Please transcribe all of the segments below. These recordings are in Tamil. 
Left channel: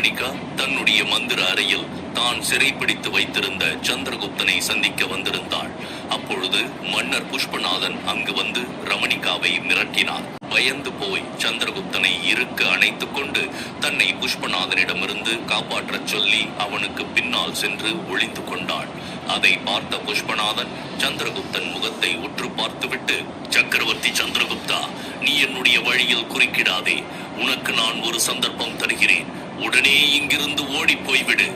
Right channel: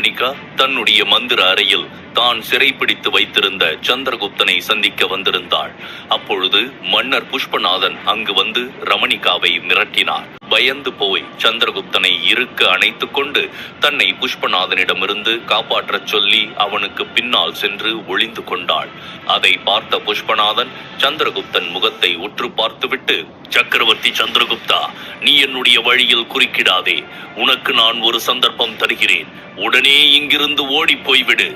ரமணிகா தன்னுடைய மந்திர அறையில் தான் சிறைப்பிடித்து வைத்திருந்த சந்திரகுப்தனை சந்திக்க வந்திருந்தாள். அப்பொழுது மன்னர் புஷ்பநாதன் அங்கு வந்து ரமணிகாவை மிரட்டினார். பயந்து போய் சந்திரகுப்தனை இறுக்க அணைத்துக் கொண்டு தன்னை புஷ்பநாதனிடமிருந்து காப்பாற்றச் சொல்லி அவனுக்கு பின்னால் சென்று ஒளிந்து கொண்டாள். அதை பார்த்த புஷ்பநாதன் சந்திரகுப்தன் முகத்தை உற்று பார்த்துவிட்டு, சக்கரவர்த்தி சந்திரகுப்தா, நீ என்னுடைய வழியில் குறுக்கிடாதே. உனக்கு நான் ஒரு சந்தர்ப்பம் தருகிறேன். உடனே இங்கிருந்து ஓடி போய்விடு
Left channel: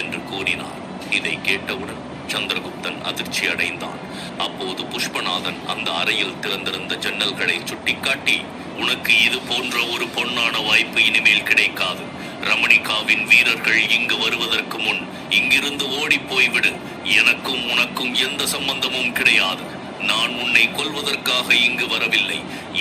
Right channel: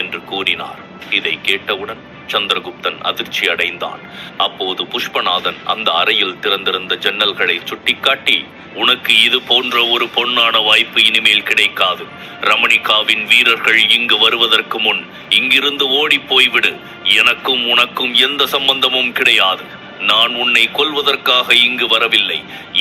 என்று கூறினார். இதை கேட்டவுடன் சந்திரகுப்தன் அதிர்ச்சி அடைந்தான். அப்போது புஷ்பநாதன் அந்த அறையில் திறந்திருந்த ஜன்னல்களை சுட்டிக்காட்டி, உனக்கு இது போன்ற ஒரு பொன்னான வாய்ப்பு இனிமேல் கிடைக்காது. ரமணிகாவின் வீரர்கள் இங்கு வருவதற்கு முன் இங்கிருந்து ஓடி போய்விடு. எனக்கும் உனக்கும் எந்த சம்பந்தமும் கிடையாது. நான் உன்னை கொல்வதற்காக இங்கு வரவில்லை.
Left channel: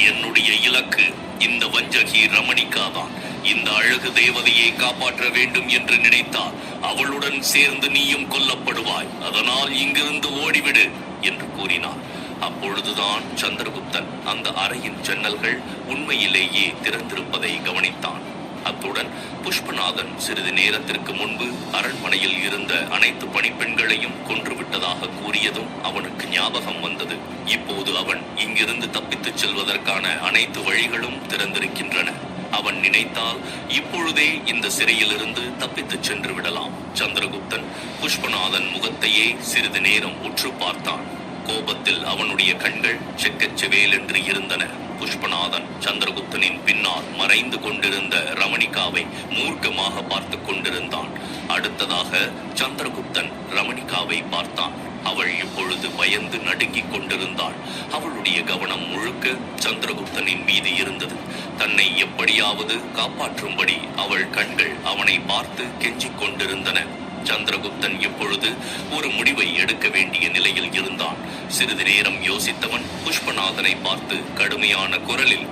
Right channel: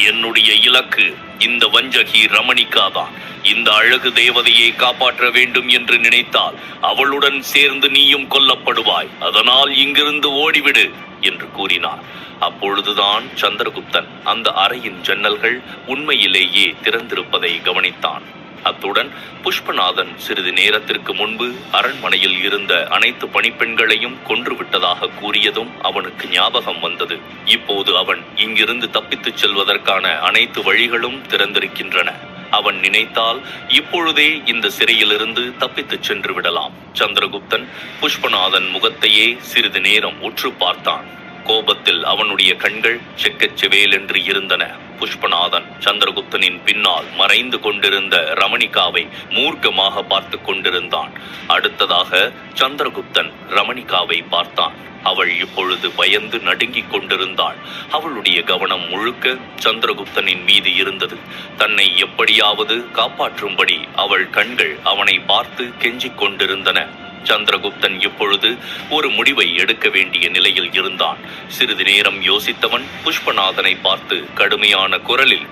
என்னுடைய இலக்கு இந்த வஞ்சகி ரமணிகாதான். இந்த அழகு தேவதையை காப்பாற்ற வேண்டும் என்று நினைத்தால் அவளுடன் சேர்ந்து நீயும் கொல்லப்படுவாய். அதனால் இங்கிருந்து ஓடிவிடு என்று கூறினார். அப்பொழுதுதான் சந்திரகுப்தன் அந்த அறையின் ஜன்னல்கள் உண்மையிலேயே திறந்திருப்பதை கவனித்தான். அத்துடன் புஷ்பநாதன் சிறிது நேரத்திற்கு முன்பு அரண்மனையில் இருந்த அனைத்து பணிப்பெண்களையும் கொன்றுவிட்டதாக கூறியதும் அவனுக்கு ஞாபகம் வந்தது. இப்போது அவன் இங்கிருந்து தப்பித்துச் செல்வதற்கான அனைத்து வழிகளும் திறந்திருக்கின்றன. அவன் நினைத்தால் இப்பொழுதே இந்த சிறையிலிருந்து தப்பித்துச் சென்று விடலாம். சந்திரகுப்தன் புஷ்பநாதன் முகத்தையே சிறிது நேரம் உற்று பார்த்தான். கோபத்தில் அவனுடைய கண்கள் செக்கச்செவேல் என்று இருந்தன. புஷ்பநாதன் சந்திரகுப்தனின் பின்னால் மறைந்து கொண்டிருந்த ரமணிகாவை மூர்க்கமாக பார்த்து கொண்டிருந்தான். அடுத்ததாக சந்திரகுப்தன் ரமணிகாவை பார்த்தான். அவள் இப்பொழுது பயந்து நடுங்கிக் கொண்டிருந்தாள். அவளுடைய கவனம் முழுக்க சந்திரகுப்தனின் மீது இருந்தது. தன்னை எப்படியாவது காப்பாற்றும்படி அவள் கண்கள் அவனை பார்த்து கெஞ்சிக் கொண்டிருந்தன. சந்திரகுப்தன் இப்பொழுது ஒரு முடிவை எடுக்க வேண்டிய நிலையில் இருந்தான். சிறிது நேரம் யோசித்தவன் புஷ்பநாதனை பார்த்து கடுமையான குரலில்,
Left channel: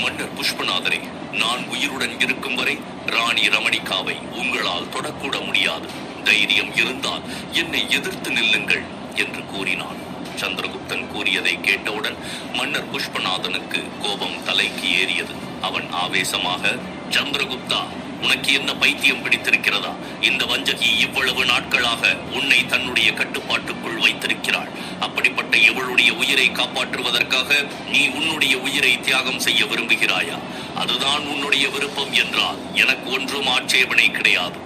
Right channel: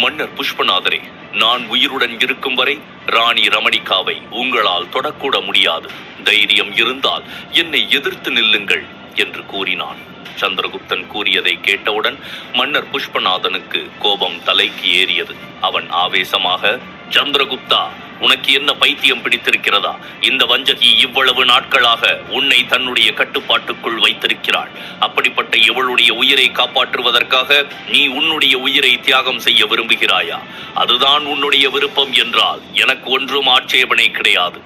மன்னர் புஷ்பநாதரே, நான் உயிருடன் இருக்கும் வரை ராணி ரமணிகாவை உங்களால் தொடக்கூட முடியாது. தைரியம் இருந்தால் என்னை எதிர்த்து நில்லுங்கள் என்று கூறினான். சந்திரகுப்தன் கூறியதை கேட்டவுடன் மன்னர் புஷ்பநாதனுக்கு கோபம் தலைக்கு ஏறியது. அவன் ஆவேசமாக, சந்திரகுப்தா, உனக்கு என்ன பைத்தியம் பிடித்திருக்கிறதா? இந்த வஞ்சகி இவ்வளவு நாட்களாக உன்னை தன்னுடைய கட்டுப்பாட்டுக்குள் வைத்திருக்கிறாள். அப்படிப்பட்ட இவளுடைய உயிரை காப்பாற்றுவதற்காக நீ உன்னுடைய உயிரை தியாகம் செய்ய விரும்புகிறாயா? அதுதான் உன்னுடைய விருப்பம் என்றால் எனக்கு ஒன்றும் ஆட்சேபனை கிடையாது.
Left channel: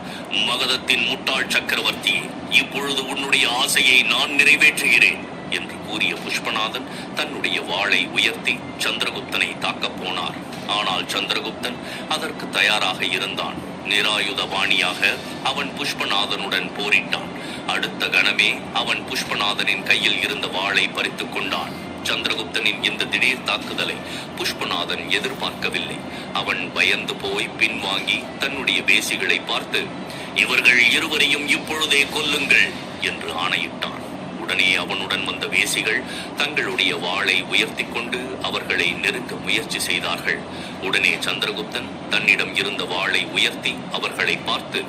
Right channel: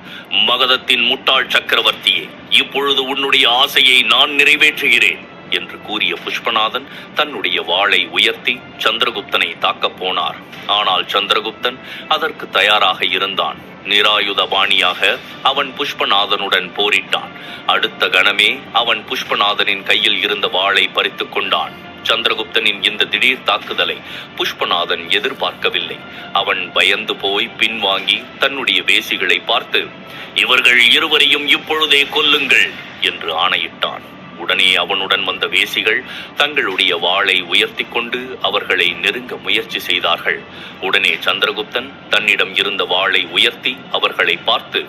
மகதத்தின் முட்டாள் சக்கரவர்த்தியே, இப்பொழுது உன்னுடைய ஆசையை நான் நிறைவேற்றுகிறேன் என்று கூறிய புஷ்பநாதன் தன்னுடைய வாளை உயர்த்தி சந்திரகுப்தனை தாக்கப் போனார். ஆனால் சந்திரகுப்தன் அதற்கு தயாராக இருந்தான். நிராயுதபாணியாக அவன் புஷ்பநாதனுடன் போரிட்டான். அடுத்த கணமே அவன் புஷ்பநாதனின் கையில் இருந்த வாளை பறித்துக் கொண்டான். சந்திரகுப்தனின் இந்த திடீர் தாக்குதலை புஷ்பநாதன் எதிர்பார்க்கவில்லை. அவன் பயந்து போய் பின்வாங்கி தன்னுடைய வேசிகளை பார்த்து, இவர்கள் இருவரையும் இப்பொழுதே கொல்லுங்கள் என்று ஆணையிட்டான். உடனே அவனுடன் வந்த வேசிகள் தங்களுடைய வாளை உயர்த்தி கொண்டு அவர்களை நெருங்க முயற்சி செய்தார்கள். உடனே சந்திரகுப்தன் தன்னிடம் இருந்த வாளை உயர்த்தி அவர்களை பார்த்து,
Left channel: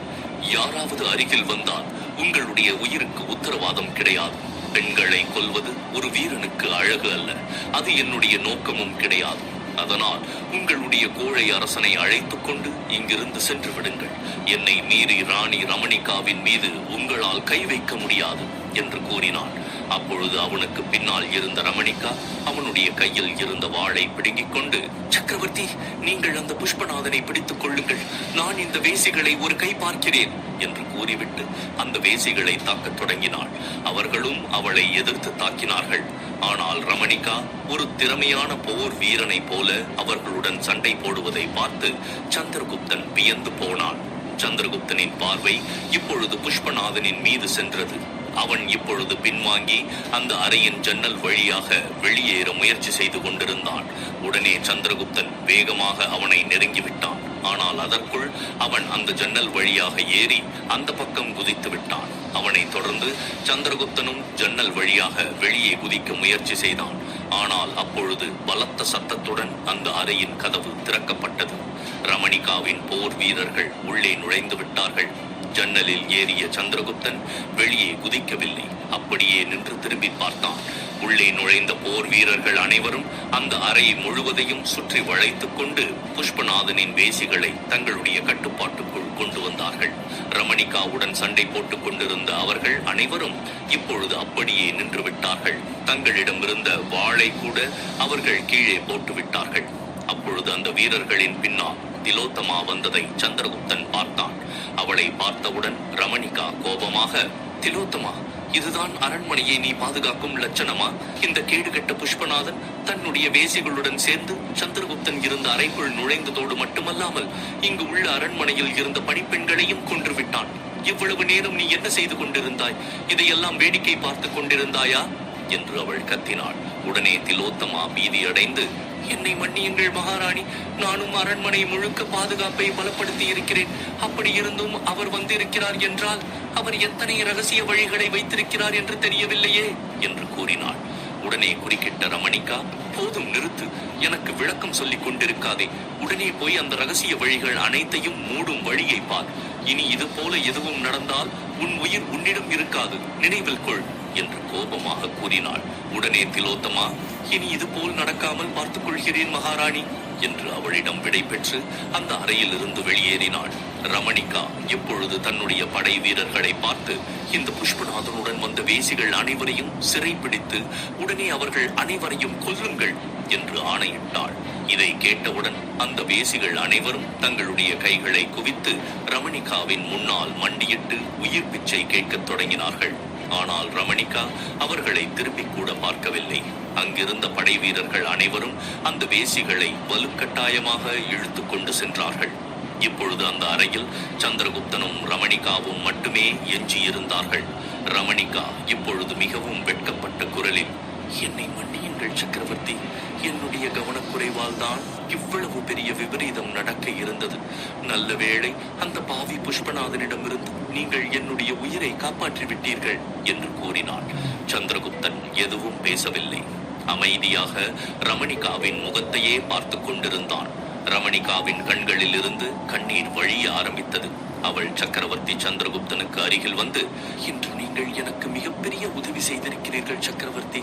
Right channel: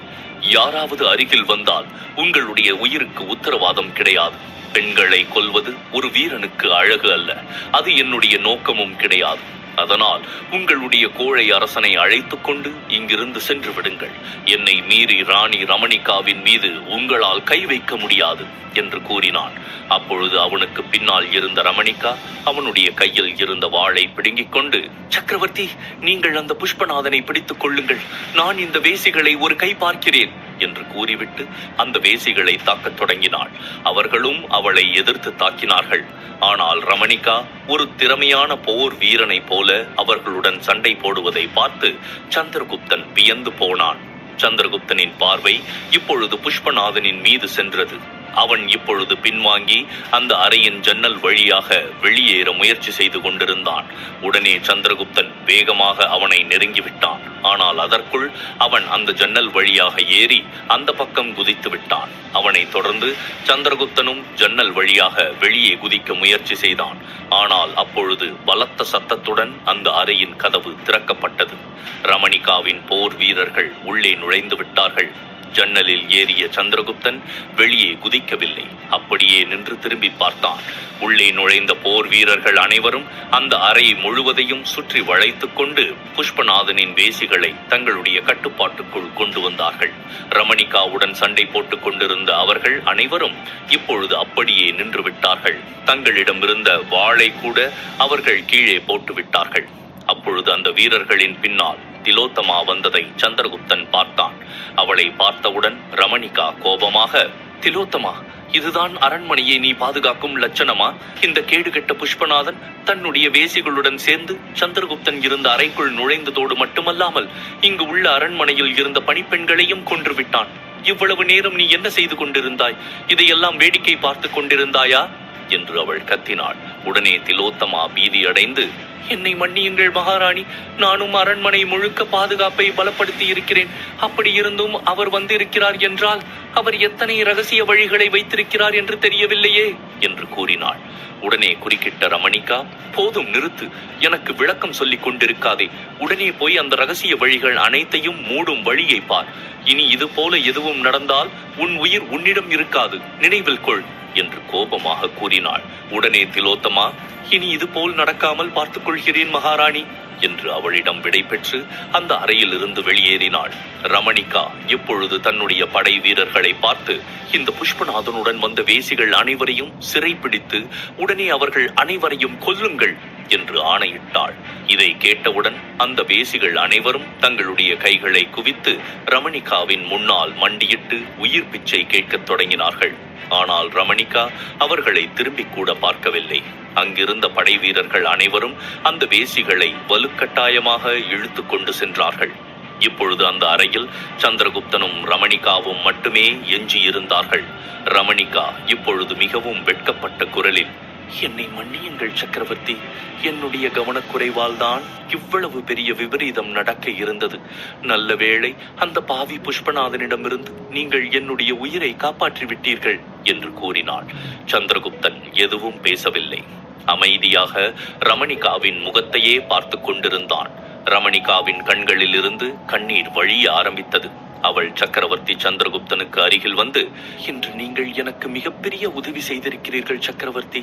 யாராவது அருகில் வந்தால் உங்களுடைய உயிருக்கு உத்தரவாதம் கிடையாது. பெண்களை கொல்வது ஒரு வீரனுக்கு அழகு அல்ல. அது என்னுடைய நோக்கமும் கிடையாது. அதனால் உங்களுடைய கோழை அரசனை அழைத்துக் கொண்டு இங்கிருந்து சென்று விடுங்கள். என்னை மீறி ராணி ரமணிகாவின் மீது உங்களால் கை வைக்க முடியாது என்று கூறினான். அப்பொழுது அவனுக்கு பின்னால் இருந்த ரமணிகா அவனுடைய கையில் இருந்த வாளை பிடுங்கிக் கொண்டு, சக்கரவர்த்தி, நீங்கள் அந்த புஷ்பநாதனை பிடித்துக் கொள்ளுங்கள். நான் இந்த வேசிகளை ஒரு கை பார்க்கிறேன் என்று கூறிவிட்டு அந்த வேசிகளை தாக்கத் தொடங்கினாள். அவர்களும் அவளை எதிர்த்து தாக்கினார்கள். ஆனால் ரமணிகா ஒரு திறமையான போர் வீரனை போல அவர்களுடன் சண்டை போடுவதை பார்த்து சந்திரகுப்தன் வியந்து போனான். சந்திரகுப்தனின் பார்வை இப்பொழுது புஷ்பநாதனின் மீது சென்றது. அவன் இப்பொழுது பின்வாங்கி அந்த அறையின் ஜன்னல் வழியாக வெளியேற முயற்சி செய்து கொண்டிருந்தான். உடனே சந்திரகுப்தன் வேகமாக அவனை நெருங்கிவிட்டான். ஆனால் அதற்குள் அவன் அந்த ஜன்னல் வழியாக ஏறி அந்த பக்கம் குதித்து விட்டான். அவனை தொடர்ந்து சந்திரகுப்தனும் ஜன்னல் வழியாக வெளியே குதிக்க முயற்சி செய்தான். ஆனால் அப்பொழுது பலத்த சத்தத்துடன் அந்த அறையின் கதவு திறக்கப்பட்டது. ரமணிகாவின் போர் வீரர்கள் உள்ளே நுழைந்து விட்டார்கள். ஜன்னலில் ஏறிய சந்திரகுப்தன் வெளியே குதிக்கவில்லை. அப்படியே நின்று திரும்பி பார்த்தான். உள்ளே நுழைந்த போர் வீரர்கள் அனைவரும் அந்த அறை முழுவதையும் சுற்றி வளைத்துக் கொண்டு புஷ்பநாதனின் வேசிகளை தங்களுடைய கட்டுப்பாட்டுக்குள் கொண்டு வந்தார்கள். ரமணிகாவுடன் சண்டை போட்டுக் கொண்டிருந்த அவர்கள் அனைவரும் இப்பொழுது அப்படியே நின்று விட்டார்கள். தங்களிடம் இருந்த வாளை கூட அவர்கள் கீழே போட்டு விட்டார்கள். அப்பொழுது அந்த வீரர்களின் பின்னால் திலோத்தமா வந்ததை சந்திரகுப்தன் பார்த்தான். அவளை பார்த்தவுடன் ரமணிகா கோபமாக, திலோத்தமா, இதுதான் அரண்மனையை நீ பாதுகாக்கும் லட்சணமா? இந்த கேடுகெட்ட புஷ்பநாதன் தன்னுடைய வேசிகளுடன் சேர்ந்து சந்திரகுப்தன் இருந்த அறைக்குள் நுழைந்ததோடு மட்டுமல்லாமல் இங்கு உள்ள அரண்மனையில் இருந்த பணிப்பெண்களையும் கொன்று விட்டான். இவ்வளவு நேரம் நீ என்ன செய்து கொண்டிருந்தாய்? இதையெல்லாம் வேடிக்கை பார்த்து கொண்டிருந்தாயா என்று அவள் கத்தினாள். உடனே திலோத்தமா பீதி அடைந்து, என்னை மன்னியுங்கள் மகாராணி, நானும் அரண்மனை முழுக்க பாதுகாப்பை பலப்படுத்தி இருக்கிறேன். அப்படி இருந்தும் அவர் வந்திருக்கிறார் என்றால் அவர் எத்தனை ரகசிய வழிகளை வைத்திருக்கிறார் என்று தெரியவில்லையே என்று கூறினாள். உடனே குறுக்கிட்ட ரமணிகா, போதும் நிறுத்து, எனக்கு விளக்கம் சொல்லிக் கொண்டிருக்காதே. உடனே போய் அந்த ரகசிய வழிகள் அனைத்தையும் மூடும் வழியை பார். இனி இது போல எதுவும் நடந்தால் உன் உயிர் உன்னிடம் இருக்காது, நினைவில் கொள் என்று கோபமாக கூறினாள். உடனே திலோத்தமா, இனி இது போல் நடக்காமல் பார்த்துக் கொள்கிறேன் மகாராணி என்று அவளிடம் விடை பெற்று அந்த அறையில் இருந்து வெளியேறினாள். ரமணிகா இப்பொழுது தன்னுடைய படை வீரர்களை பார்த்து, இந்த புஷ்பநாதனுடன் வந்த வேசிகள் அனைவரையும் சிறை பிடித்து உடனே அவர்கள் அனைவரையும் கொல்லுங்கள் என்று ஆணையிட்டாள். இதை கேட்டவுடன் அந்த வேசிகள் அனைவரும் தங்களுடைய கைகளை குவித்து ரமணிகாவின் முன்னால் மண்டியிட்டு உயிர் பிச்சை கேட்கத் தொடங்கினார்கள். ஆனால் ரமணிகா அவர்களை திரும்பி கூட பார்க்கவில்லை. அங்கிருந்த படை வீரர்கள் அனைவரும் அந்த வேசிகளை வலுக்கட்டாயமாக இழுத்து கொண்டு சென்றார்கள். இப்பொழுது அந்த அறையில் சந்திரகுப்தனும் ரமணிகாவும் மட்டுமே எஞ்சியிருந்தார்கள். ரமணிகா இப்பொழுது மிகவும் வெட்கப்பட்ட குரலில், என்னை மன்னியுங்கள் சக்கரவர்த்தி, என்னுடைய கவனக்குறைவால் தான் இவ்வளவு பெரிய விபரீதம் நடக்க இருந்தது. நல்ல வேளை அந்த பாவி புஷ்பநாதனிடமிருந்து நீங்கள் என்னுடைய உயிரை காப்பாற்றி விட்டீர்கள் என்று கூறினாள். சந்திரகுப்தன் எதுவும் பேசவில்லை. அமைதியாக ரமணிகாவின் முகத்தையே பார்த்து கொண்டிருந்தான். ரமணிகாவின் கண்களில் இருந்து கண்ணீர் வழிய ஆரம்பித்தது. அவள் சக்கரவர்த்தி சந்திரகுப்தனுக்கு அருகில் வந்து, இன்று நீங்கள் எனக்கு மிகப்பெரிய உதவி செய்திருக்கிறீர்கள் சக்கரவர்த்தி.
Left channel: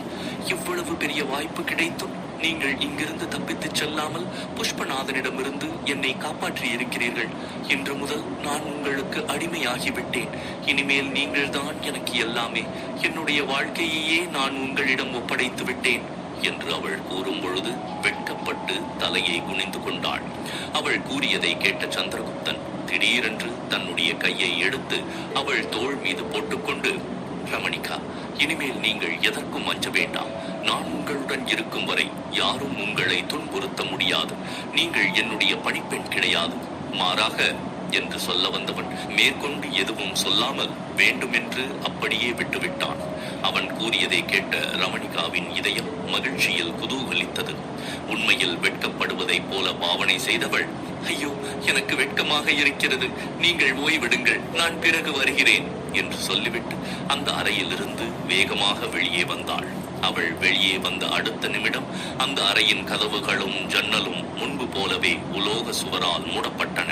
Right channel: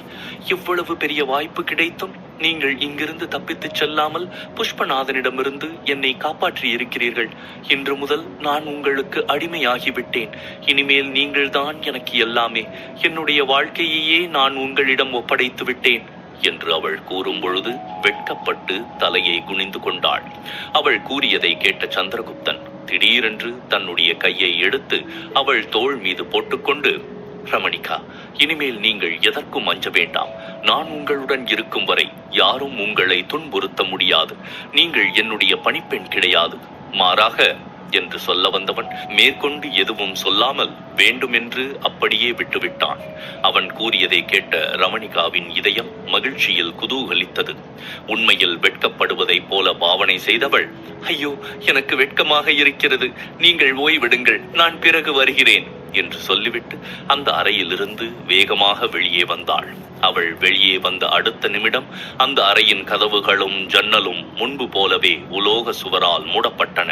இவ்வளவு பெரிய வாய்ப்பு கிடைத்தும் நீங்கள் இங்கிருந்து தப்பித்துச் செல்லாமல் புஷ்பநாதனிடமிருந்து என்னை காப்பாற்றி இருக்கிறீர்கள். இன்று முதல் நான் உங்களுக்கு அடிமையாகிவிட்டேன். இனிமேல் நீங்கள்தான் எனக்கு எல்லாமே. என்னுடைய வாழ்க்கையையே நான் உங்களிடம் ஒப்படைத்து விட்டேன் என்று அவள் கூறும் பொழுது வெட்கப்பட்டு தலையை குனிந்து கொண்டாள். அவள் கூறியதை கேட்ட சந்திரகுப்தன் திடீரென்று தன்னுடைய கையை எடுத்து அவள் தோள் மீது போட்டுக்கொண்டு, ரமணிகா, இனிமேல் நீங்கள் எதற்கும் அஞ்ச வேண்டாம். நான் உங்களுடன் இருக்கும் வரை யாரும் உங்களை துன்புறுத்த முடியாது. நீங்கள் என்னுடைய பணிப்பெண் கிடையாது. மாறாக என்று சொல்ல வந்தவன் மேற்கொண்டு எதுவும் சொல்லாமல் வேண்டுமென்று அப்படியே விட்டுவிட்டான். அவன் கூறியதை கேட்ட ரமணிகாவின் இதயம் மகிழ்ச்சியில் குதூகலித்தது. உண்மையில் வெட்கப்படுவதைப் போல பாவனை செய்தவள், ஐயோ, எனக்கு வெட்கமாக இருக்கிறது, நீங்கள் ஓய்விடுங்கள், நான் பிறகு வருகிறேன் என்று சொல்லிவிட்டு அந்த அறையிலிருந்து வேகமாக வெளியே வந்தாள். அவள் வெளியே வந்த அடுத்த நிமிடம் அந்த அறையின் கதவுகளும் ஜன்னலும் முன்பு போலவே உலோக சுவரால் மூடப்பட்டன.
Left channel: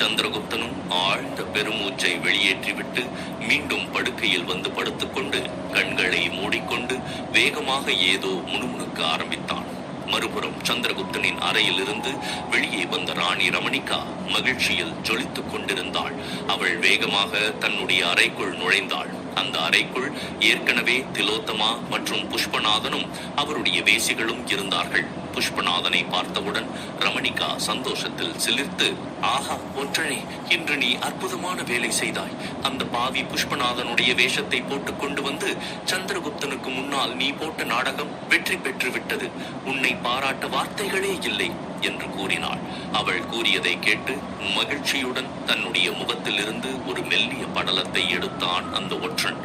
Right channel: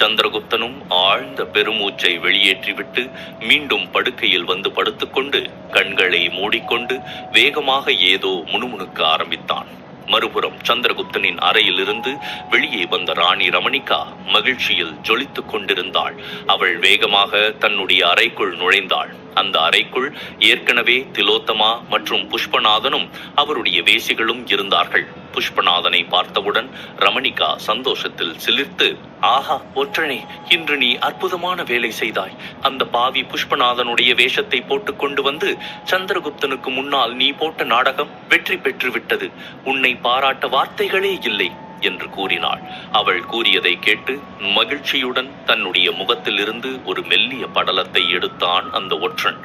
சந்திரகுப்தனும் ஆழ்ந்த பெருமூச்சை வெளியேற்றிவிட்டு மீண்டும் படுக்கையில் வந்து படுத்துக்கொண்டு கண்களை மூடிக்கொண்டு வேகமாக ஏதோ முணுமுணுக்க ஆரம்பித்தான். மறுபுறம் சந்திரகுப்தனின் அறையிலிருந்து வெளியே வந்த ராணி ரமணிகா மகிழ்ச்சியில் ஜொலித்துக் கொண்டிருந்தாள். அவள் வேகமாக தன்னுடைய அறைக்குள் நுழைந்தாள். அந்த அறைக்குள் ஏற்கனவே திலோத்தமா மற்றும் புஷ்பநாதனும் அவருடைய வேசிகளும் இருந்தார்கள். புஷ்பநாதனை பார்த்தவுடன் ரமணிகா சந்தோஷத்தில் சிலிர்த்து, ஆஹா ஒற்றனே, இன்று நீ அற்புதமான வேலை செய்தாய். அந்த பாவி புஷ்பநாதனுடைய வேஷத்தை போட்டுக் கொண்டு வந்து சந்திரகுப்தனுக்கு முன்னால் நீ போட்ட நாடகம் வெற்றி பெற்று விட்டது. உன்னை பாராட்ட வார்த்தைகளே இல்லை என்று கூறினாள். அவள் கூறியதை கேட்டு மகிழ்ச்சியுடன் தன்னுடைய முகத்திலிருந்து ஒரு மெல்லிய படலத்தை எடுத்தான் அந்த ஒற்றன்.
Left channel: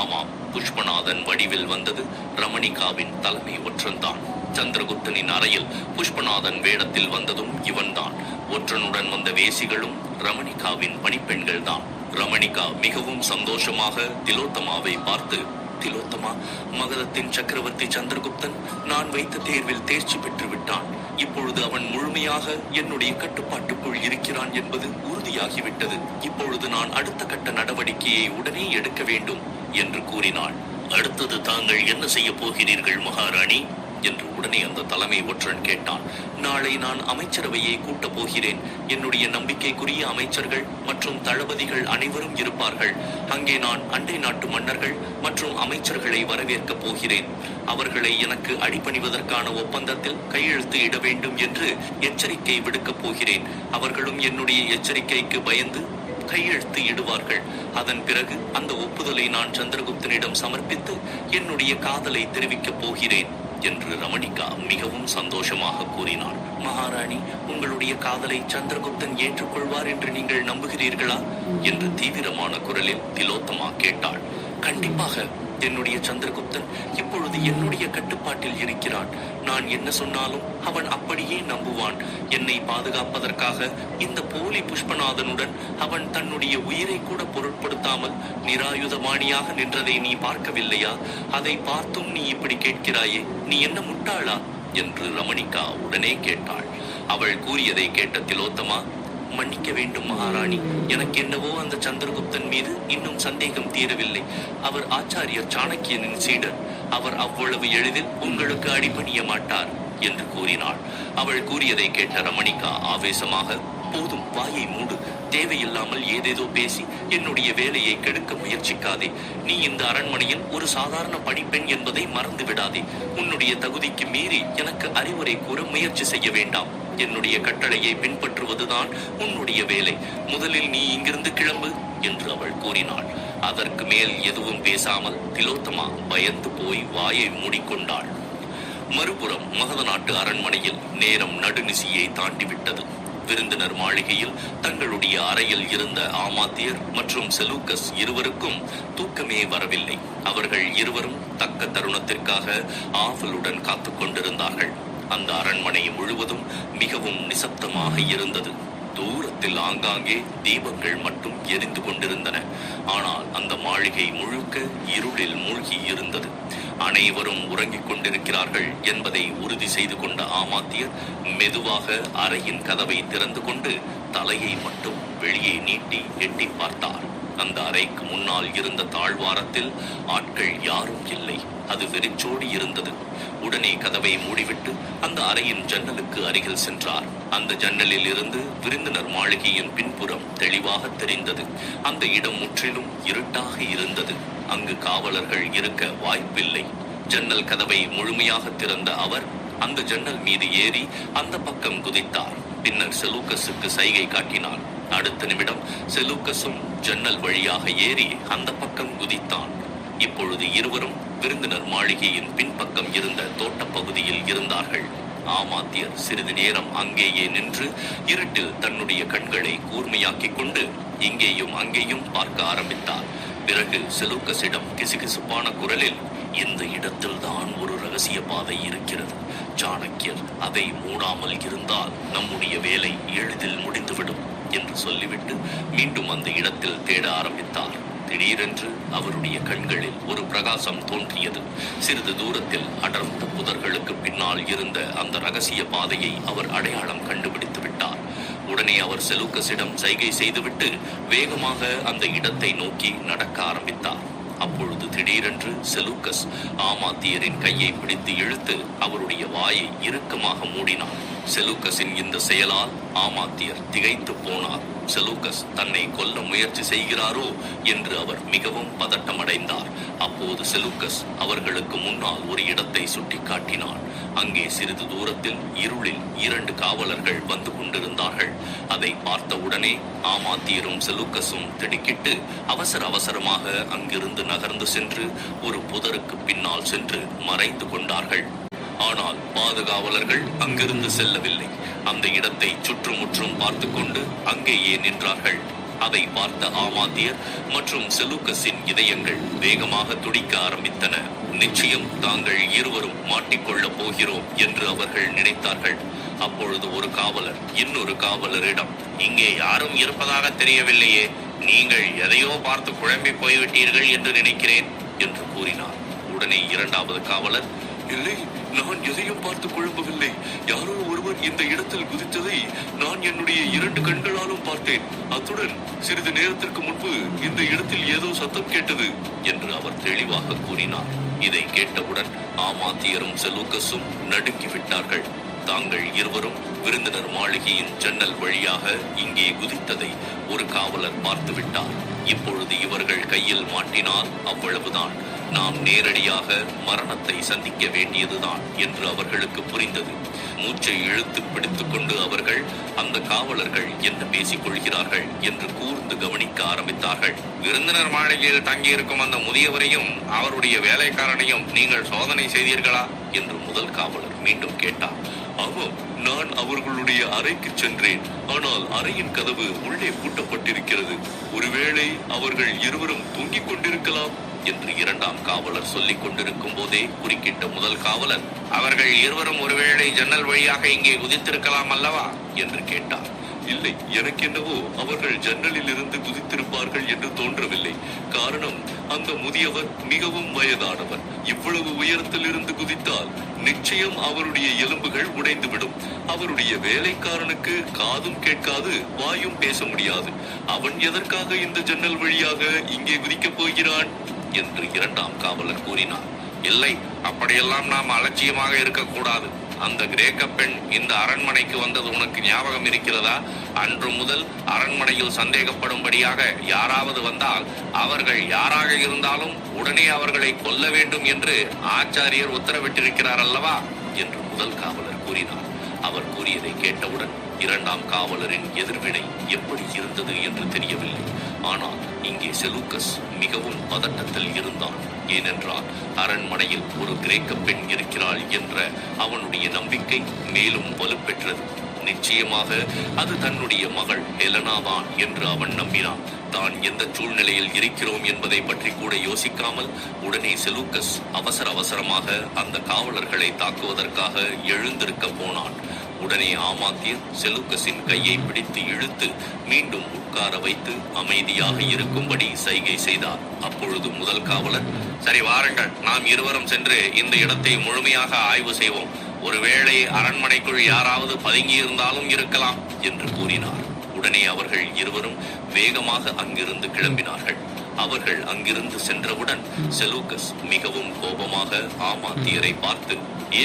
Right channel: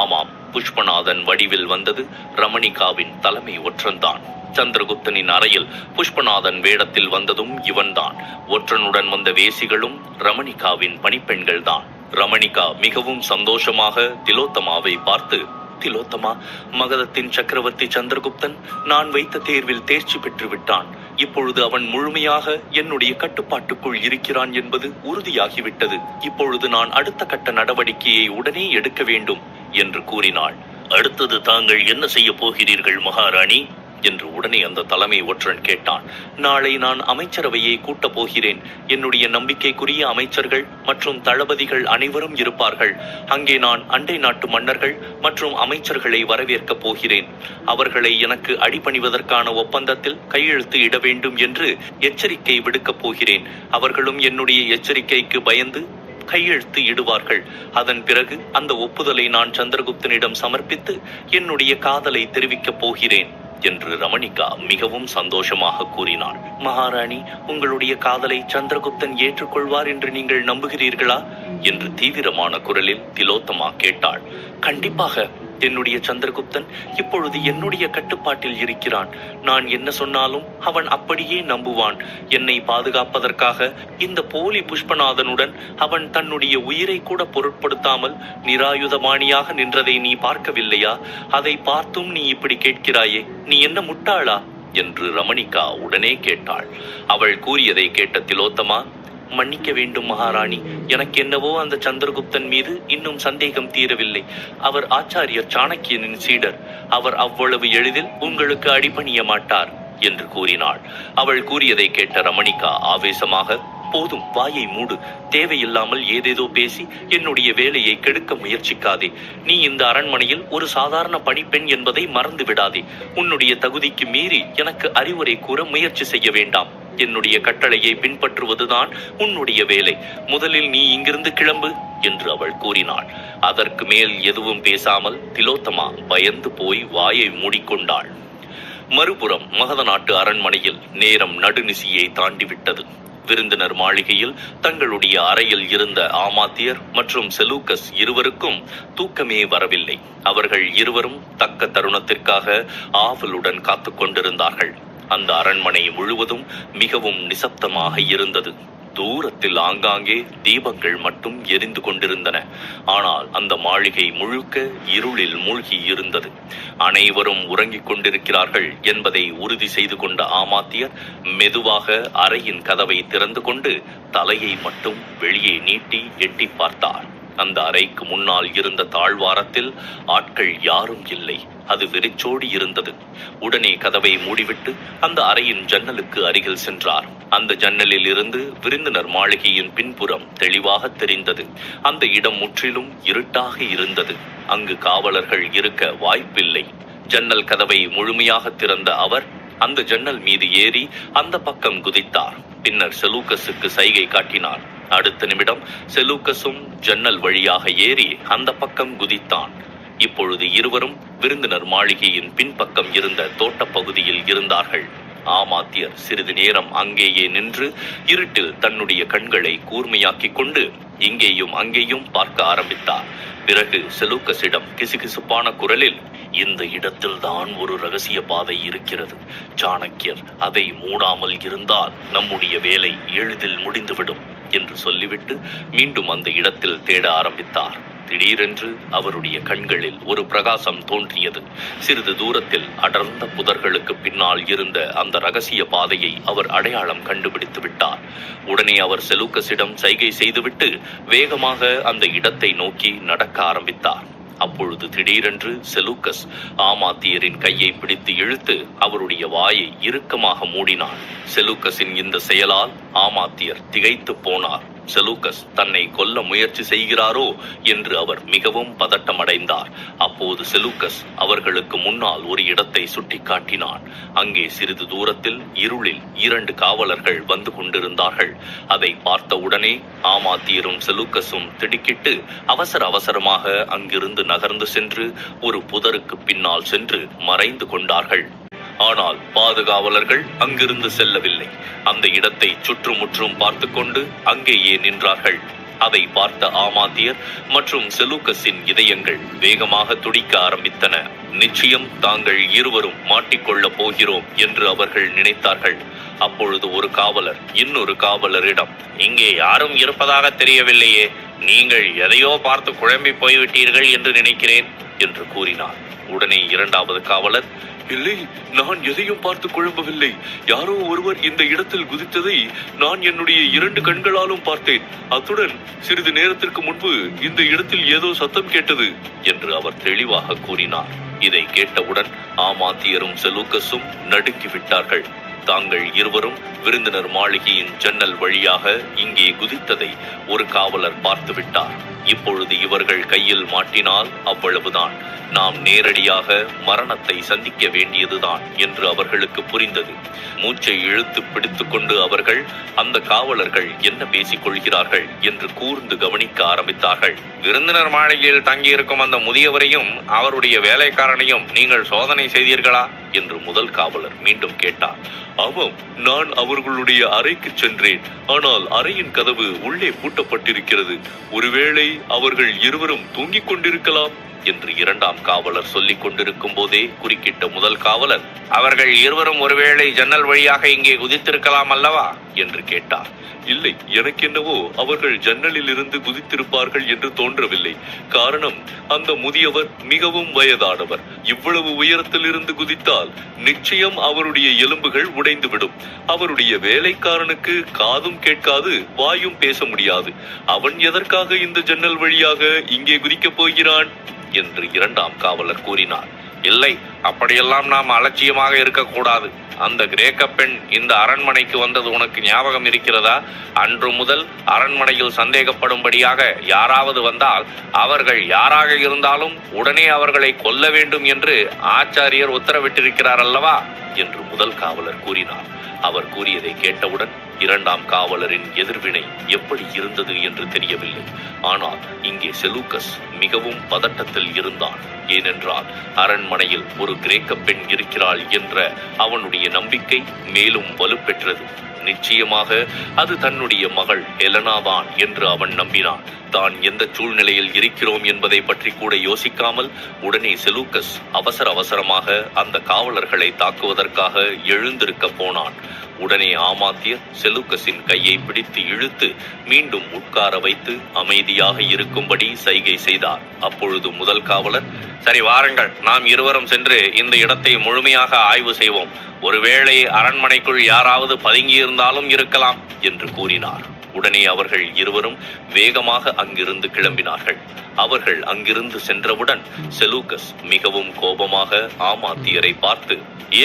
ஆமாம், புஷ்பநாதன் வடிவில் வந்தது ரமணிகாவின் தலைமை ஒற்றன்தான். சந்திரகுப்தனின் அறையில் புஷ்பநாதன் வேடத்தில் வந்ததும் இவன்தான். ஒற்றனுடன் வந்த வேசிகளும் ரமணிகாவின் பணிப்பெண்கள் தான். ரமணிகா மிகவும் சந்தோஷமாக திலோத்தமாவை பார்த்து, திலோத்தமா, மகதத்தின் சக்கரவர்த்தி சந்திரகுப்தன் நான் வைத்த தேர்வில் தேர்ச்சி பெற்று விட்டான். இப்பொழுது அவன் முழுமையாக என்னுடைய கட்டுப்பாட்டுக்குள் இருக்கிறான் என்பது உறுதியாகிவிட்டது. இப்பொழுது நான் அடுத்த கட்ட நடவடிக்கையை உடனே எடுக்க வேண்டும் என்று கூறினாள். அடுத்தது தாங்கள் என்ன செய்ய போகிறீர்கள் மகாராணி என்று உடனே அந்த தலைமை ஒற்றன் கேட்டான். நாளை நான் அமைச்சரவையை கூட்டப் போகிறேன். என்னுடைய நம்பிக்கைக்குரிய அமைச்சர்கள் மற்றும் தளபதிகள் அனைவரும் இருப்பார்கள். அங்கே நான் அண்டை நாட்டு மன்னர்கள் மற்றும் அமைச்சர்களை வரவேற்கப் போகிறேன். அவர்களை எனக்கு அடிபணிவதற்கான ஒப்பந்தத்தில் கையெழுத்து இட வேண்டும் என்று எச்சரிக்கை விடுக்கப் போகிறேன். அவர்களும் என்னுடைய எச்சரிக்கைக்கு பயந்து கையெழுத்து இடுவார்கள். அதன் பிறகு அந்த ஒப்புதலை நான் சந்திரகுப்தனிடம் சமர்ப்பித்து என்னுடைய காதலை தெரிவிக்கப் போகிறேன் என்று ரமணிகா மிகவும் சந்தோஷமாக கூறினாள். மகாராணி, உங்களுடைய காதலை சந்திரகுப்தன் ஏற்றுக்கொள்வார் என்று நீங்கள் நம்புகிறீர்களா என்று தீவிரமான குரலில் திலோத்தமா கேட்டாள். கண்டிப்பாக. என்னுடைய சந்திரகுப்தன் இப்பொழுது என்னுடைய கட்டுப்பாட்டில் இருக்கிறான். நான் என்ன சொன்னாலும் அவன் அப்படியே நம்புவான். என்னை பாதுகாப்பதற்காக இந்த போலி புஷ்பநாதனுடன் அவன் தன்னுடைய உயிரை கூட பொருட்படுத்தாமல் நிராயுதபாணியாக நின்றதை நீ பார்க்கவில்லையா? அதை பார்த்தும் நீ இப்படி கேட்கிறாயே, நீ என்ன முட்டாளா என்று ரமணிகா உடனே கேட்டாள். அவள் கூறியதை கேட்ட திலோத்தமா, மன்னிக்க வேண்டும் மகாராணி, எனக்கு என்னவோ அந்த சந்திரகுப்தன் மீது இன்னும் சந்தேகம் தீரவில்லை. அவர் ஆச்சாரியர் சாணக்கியனின் சீடர். அவர் அவ்வளவு எளிதில் உங்களுக்கு அடிபணிய மாட்டார் என்று கூறினாள். அவள் கூறியதை கேட்ட ரமணிகா ஆவேசமாக, போதும், வாயை மூடு. தேவையில்லாமல் ஏதேதோ பேசி என்னுடைய வேலையை கெடுக்க முயற்சிக்காதே. நீ இந்த அரண்மனையில் ஒரு சாதாரண பணிப்பெண் என்பதை மறந்து விடாதே. உன்னுடைய தகுதிக்கு மீறி எனக்கு அறிவுரை கூற முயற்சி செய்ய வேண்டாம். என்னுடைய கட்டளையை பின்பற்றுவதுதான் உன்னுடைய வேலை. முதலில் நீ இங்கிருந்து கிளம்பு என்று அவள் கூறினாள். அதற்கு மேல் எதுவும் பேசாமல் திலோத்தமா பயந்து போய் வாயை மூடிக்கொண்டாள். மறுபுறம் மகத நாட்டு அரண்மனையில் நேரம் நடுநிசியை தாண்டிவிட்டது. விருந்தினர் மாளிகையில் தங்களுடைய அறையில் இருந்த ஆமாத்தியர் மற்றும் செலூக்கஸ் இருவருக்கும் தூக்கமே வரவில்லை. அவர்கள் இருவரும் தக்க தருணத்திற்காக ஆவலுடன் காத்து கொண்டிருந்தார்கள். அந்த அரண்மனை முழுவதும் மிகவும் நிசப்தமாக இருந்தது. தூரத்தில் ஆங்காங்கே தீபங்கள் மட்டும் எரிந்து கொண்டிருந்தன. ஆனால் அந்த மாளிகை முழுக்க இருளில் மூழ்கி இருந்தது. அனைவரும் உறங்கிக் கொண்டிருக்கிறார்கள் என்பதை உறுதி செய்து கொண்ட ஆமாத்தியர் மெதுவாக அறையின் கதவை திறந்து கொண்டு தலையை மட்டும் வெளியே நீட்டி எட்டி பார்த்தார். அந்த அறைக்கு முன்னால் இருந்த தாழ்வாரத்தில் ஆட்கள் யாரும் இல்லை. அது வெறிச்சோடி இருந்தது. உடனே கதவை மூடிவிட்டு அந்த அறையின் ஜன்னலுக்கு அருகில் சென்றார். அந்த ஜன்னலில் இருந்து விருந்தினர் மாளிகையின் பின்புறம் தெளிவாக தெரிந்தது. அந்த இடம் முற்றிலும் இருட்டாக இருந்தது. அங்கு காவலர்கள் இருக்க வாய்ப்பில்லை. ஜன்னல் கதவை முழுமையாக திறந்த அவர் அந்த ஜன்னல் மீது ஏறி அந்த பக்கம் குதித்தார். பின்னர் செலூக்கஸுக்கு சைகை காட்டினார். அடுத்த நிமிடம் செலூக்கஸும் ஜன்னல் வழியாக ஏறி அந்த பக்கம் குதித்தான். இப்பொழுது இருவரும் விருந்தினர் மாளிகையின் பின்பக்கம் இருந்த தோட்டப்பகுதியில் இருந்தார்கள். ஆமாத்தியர் சிறிது நேரம் அங்கேயே நின்று இருட்டில் தன்னுடைய கண்களை கூர்மையாக்கிக் கொண்டு இங்கேயும் அங்கேயும் பார்க்க ஆரம்பித்தார். பிறகு செலூக்கஸிடம் கிசுகிசுப்பான குரலில், இந்த இடத்தில்தான் ஒரு ரகசிய பாதை இருக்கிறது. சாணக்கியர் அதை மூடாமல் இருந்தால் நம்முடைய வேலை எளிதில் முடிந்துவிடும் என்று சொல்லிவிட்டு மீண்டும் அந்த இடத்தில் தேட ஆரம்பித்தார். திடீரென்று அவருடைய கண்களில் ஒரு பிரகாசம் தோன்றியது. சிறிது தூரத்தில் அடர்ந்த புதர்களுக்கு பின்னால் இருந்த அந்த ரகசிய பாதையை அவர் அடையாளம் கண்டுபிடித்து விட்டார். உடனே அவர் செலூக்கஸிடம் சைகை செய்துவிட்டு வேகமாக அந்த இடத்தை நோக்கி நடக்க ஆரம்பித்தார். அப்பொழுது திடீரென்று செலூக்கஸ் ஆமாத்தியரின் கையை பிடித்து இழுத்து அவருடைய வாயை இறுக்கமாக மூடினார். செலூக்கஸின் இந்த செயலால் ஆமாத்தியர் திகைத்து போனார். செலூக்கஸ் தன்னை கொல்ல முயற்சி செய்கிறாரோ என்று அவர் மிகவும் பதட்டமடைந்தார். அப்போது செலூக்கஸ் அவர்களுக்கு முன்னால் ஒரு இடத்தை சுட்டிக்காட்டினான். அங்கே சிறிது தூரத்தில் இருளில் 2 காவலர்கள் வந்து கொண்டிருந்தார்கள். அதை பார்த்தவுடனே ஆமாத்தியரும் செலூக்கஸும் திடுக்கிட்டு அவசரமாக அங்கிருந்து நகர்ந்து சென்று ஒரு புதருக்கு பின்னால் சென்று மறைந்து கொண்டார்கள். ஆனால் பாதுகாவலர்கள் அங்கிருந்து செல்லவில்லை. அந்த இடத்தை சுற்றுமுற்றும் பார்த்து கொண்டு அங்கேயே நின்றார்கள். அதை பார்த்த ஆமாத்தியர் மற்றும் செலூக்கஸின் இதயங்கள் வேகமாக துடிக்க ஆரம்பித்தன. நிச்சயம் தாங்கள் இருவரும் மாட்டிக்கொள்ளப் போகிறோம் என்று அவர்கள் நினைத்தார்கள். அப்பொழுது ஒரு காவலர் இன்னொரு காவலரிடம், இங்கே யாரும் இருப்பதாக தெரியவில்லையே, நீங்கள் எதையோ பார்த்து குழம்பி போய்விட்டீர்கள் என்று நினைக்கிறேன் என்று கூறினார். உடனே இரண்டாவது காவலர், இல்லை, நான் எதையும் பார்த்து குழம்பவில்லை. யாரோ ஒருவர் இந்த இடத்தில் குதித்ததை நான் என்னுடைய 2 கண்களாலும் பார்த்தேன். அத்துடன் சிறிது நேரத்திற்கு முன்பு இந்த இடத்தில் ஏதோ சத்தம் கேட்டது என்று அவர் தெளிவாக கூறினார். இதை கேட்டவுடன் ஆமாத்தியரும் செலூக்கஸும் நடுங்கி விட்டார்கள். தாங்கள் இருவரும் விருந்தினர் மாளிகையின் ஜன்னல் வழியாக இங்கே குதித்ததை ஒரு காவலர் பார்த்து விட்டார். இப்பொழுது இவர்கள் கையில் மாட்டினால் அவ்வளவுதான், நாம் நேரடியாக மரணத்தை சந்திக்க வேண்டியதுதான் என்று அவர்களுக்கு புரிந்தது. மூச்சை இழுத்து பிடித்துக் கொண்டு அவர்கள் அந்த காவலர்கள் என்ன பேசிக் கொள்கிறார்கள் என்று கூர்ந்து கவனிக்க ஆரம்பித்தார்கள். விருந்தினர் மாளிகையில் தங்கியிருக்கும் அந்த முதியவரையும் அவருடைய வேலைக்காரனையும் நீங்கள் சோதனை செய்தீர்களா என்று முதல் காவலர் மீண்டும் கேட்டார். ஆமாம், நான் அவர்களுடைய அறைக்கு சென்றேன். ஆனால் அறையின் கதவு உள்ளே பூட்டப்பட்டிருக்கிறது. ஒருவேளை அவர்கள் இருவரும் தூங்கிக் கொண்டிருக்கலாம் என்று இரண்டாம் காவலர் சொல்லிக் கொண்டிருக்கும் போதே குறுக்கிட்ட முதல் காவலர், அவர்கள் இருவரும் ஒருவேளை ஜன்னல் வழியாக இங்கே குதித்திருக்கலாம் அல்லவா என்று கேட்டார். இல்லை, எனக்கு என்னவோ அவர்கள் ஜன்னலில் இருந்து குதித்திருப்பார்கள் என்று தோன்றவில்லை. காரணம், அந்த முதியவர் மிகவும் வயதானவர். இவ்வளவு உயரத்தில் இருந்து குதித்தால் நிச்சயம் அவருடைய எலும்புகள் உடைந்துவிடும். அவருடைய வேலைக்காரனுக்கு காதும் கேட்காது, வாயும் பேச முடியாது. அவன் எதற்காக இந்த ஜன்னல் வழியாக இங்கே குதிக்கப் போகிறான் என்று இரண்டாம் காவலர் கூறினார். இல்லை, அப்படியெல்லாம் நாம் அலட்சியமாக இருக்கக்கூடாது. அந்த கிரேக்க பெண் இந்த அரண்மனைக்கு வந்தது உனக்கு ஞாபகம் இருக்கிறதா? அன்று முதல் அரண்மனையில் சந்தேகப்படும்படியாக யாராவது வந்தால் அவர்கள் யாராக இருந்தாலும் உடனே அவர்களை கொல்ல வேண்டும் என்று ஆச்சாரியர் உத்தரவிட்டிருக்கிறார் அல்லவா என்று முதல் காவலர் கூறினார். அவர் கூறியதை கேட்டவுடன் இரண்டாம் காவலரின் எதிர்வினை எப்படி இருந்தது என்று தெரியவில்லை. ஆனால் இங்கே செலூக்கஸ் மிகவும் பதட்டத்தில் இருந்தான். ஏனென்றால் அரண்மனையில் ஒரு கிரேக்க பெண் இருக்கிறாள் என்ற அவனுடைய நம்பிக்கை மேலும் வலுப்பெற்றது. நிச்சயமாக அது தன்னுடைய மகள் ஹெலனாதான் என்று அவன் நம்பினான். தான் எந்த சூழ்நிலையில் இருக்கிறோம் என்பதை பற்றி கூட யோசிக்காமல் உடனே செலூக்கஸ் அவசரமாக அந்த காவலர்களை தாக்குவதற்காக எழுந்திருக்க போனான். உடனே ஆமாத்தியர் செலூக்கஸின் கையை பிடித்து இழுத்து மீண்டும் உட்கார வைத்து அமைதியாக இருக்கும்படி சைகை செய்தார். அப்பொழுது முதல் காவலர், சரி வாருங்கள், நாம் இருவரும் சென்று இந்த இடத்தை முழுமையாக ஆய்வு செய்வோம். ஒருவேளை அரண்மனைக்குள் யாராவது பதுங்கியிருந்தாலும் இருக்கலாம் என்று கூறினார். உடனே அவர்கள் இருவரும் வேகமாக அங்கிருந்து கிளம்பினார்கள். அவர்கள் அங்கிருந்து சென்றவுடன் செலூக்கஸ் மிகவும் கோபமாக ஆமாத்தியரை பார்த்து,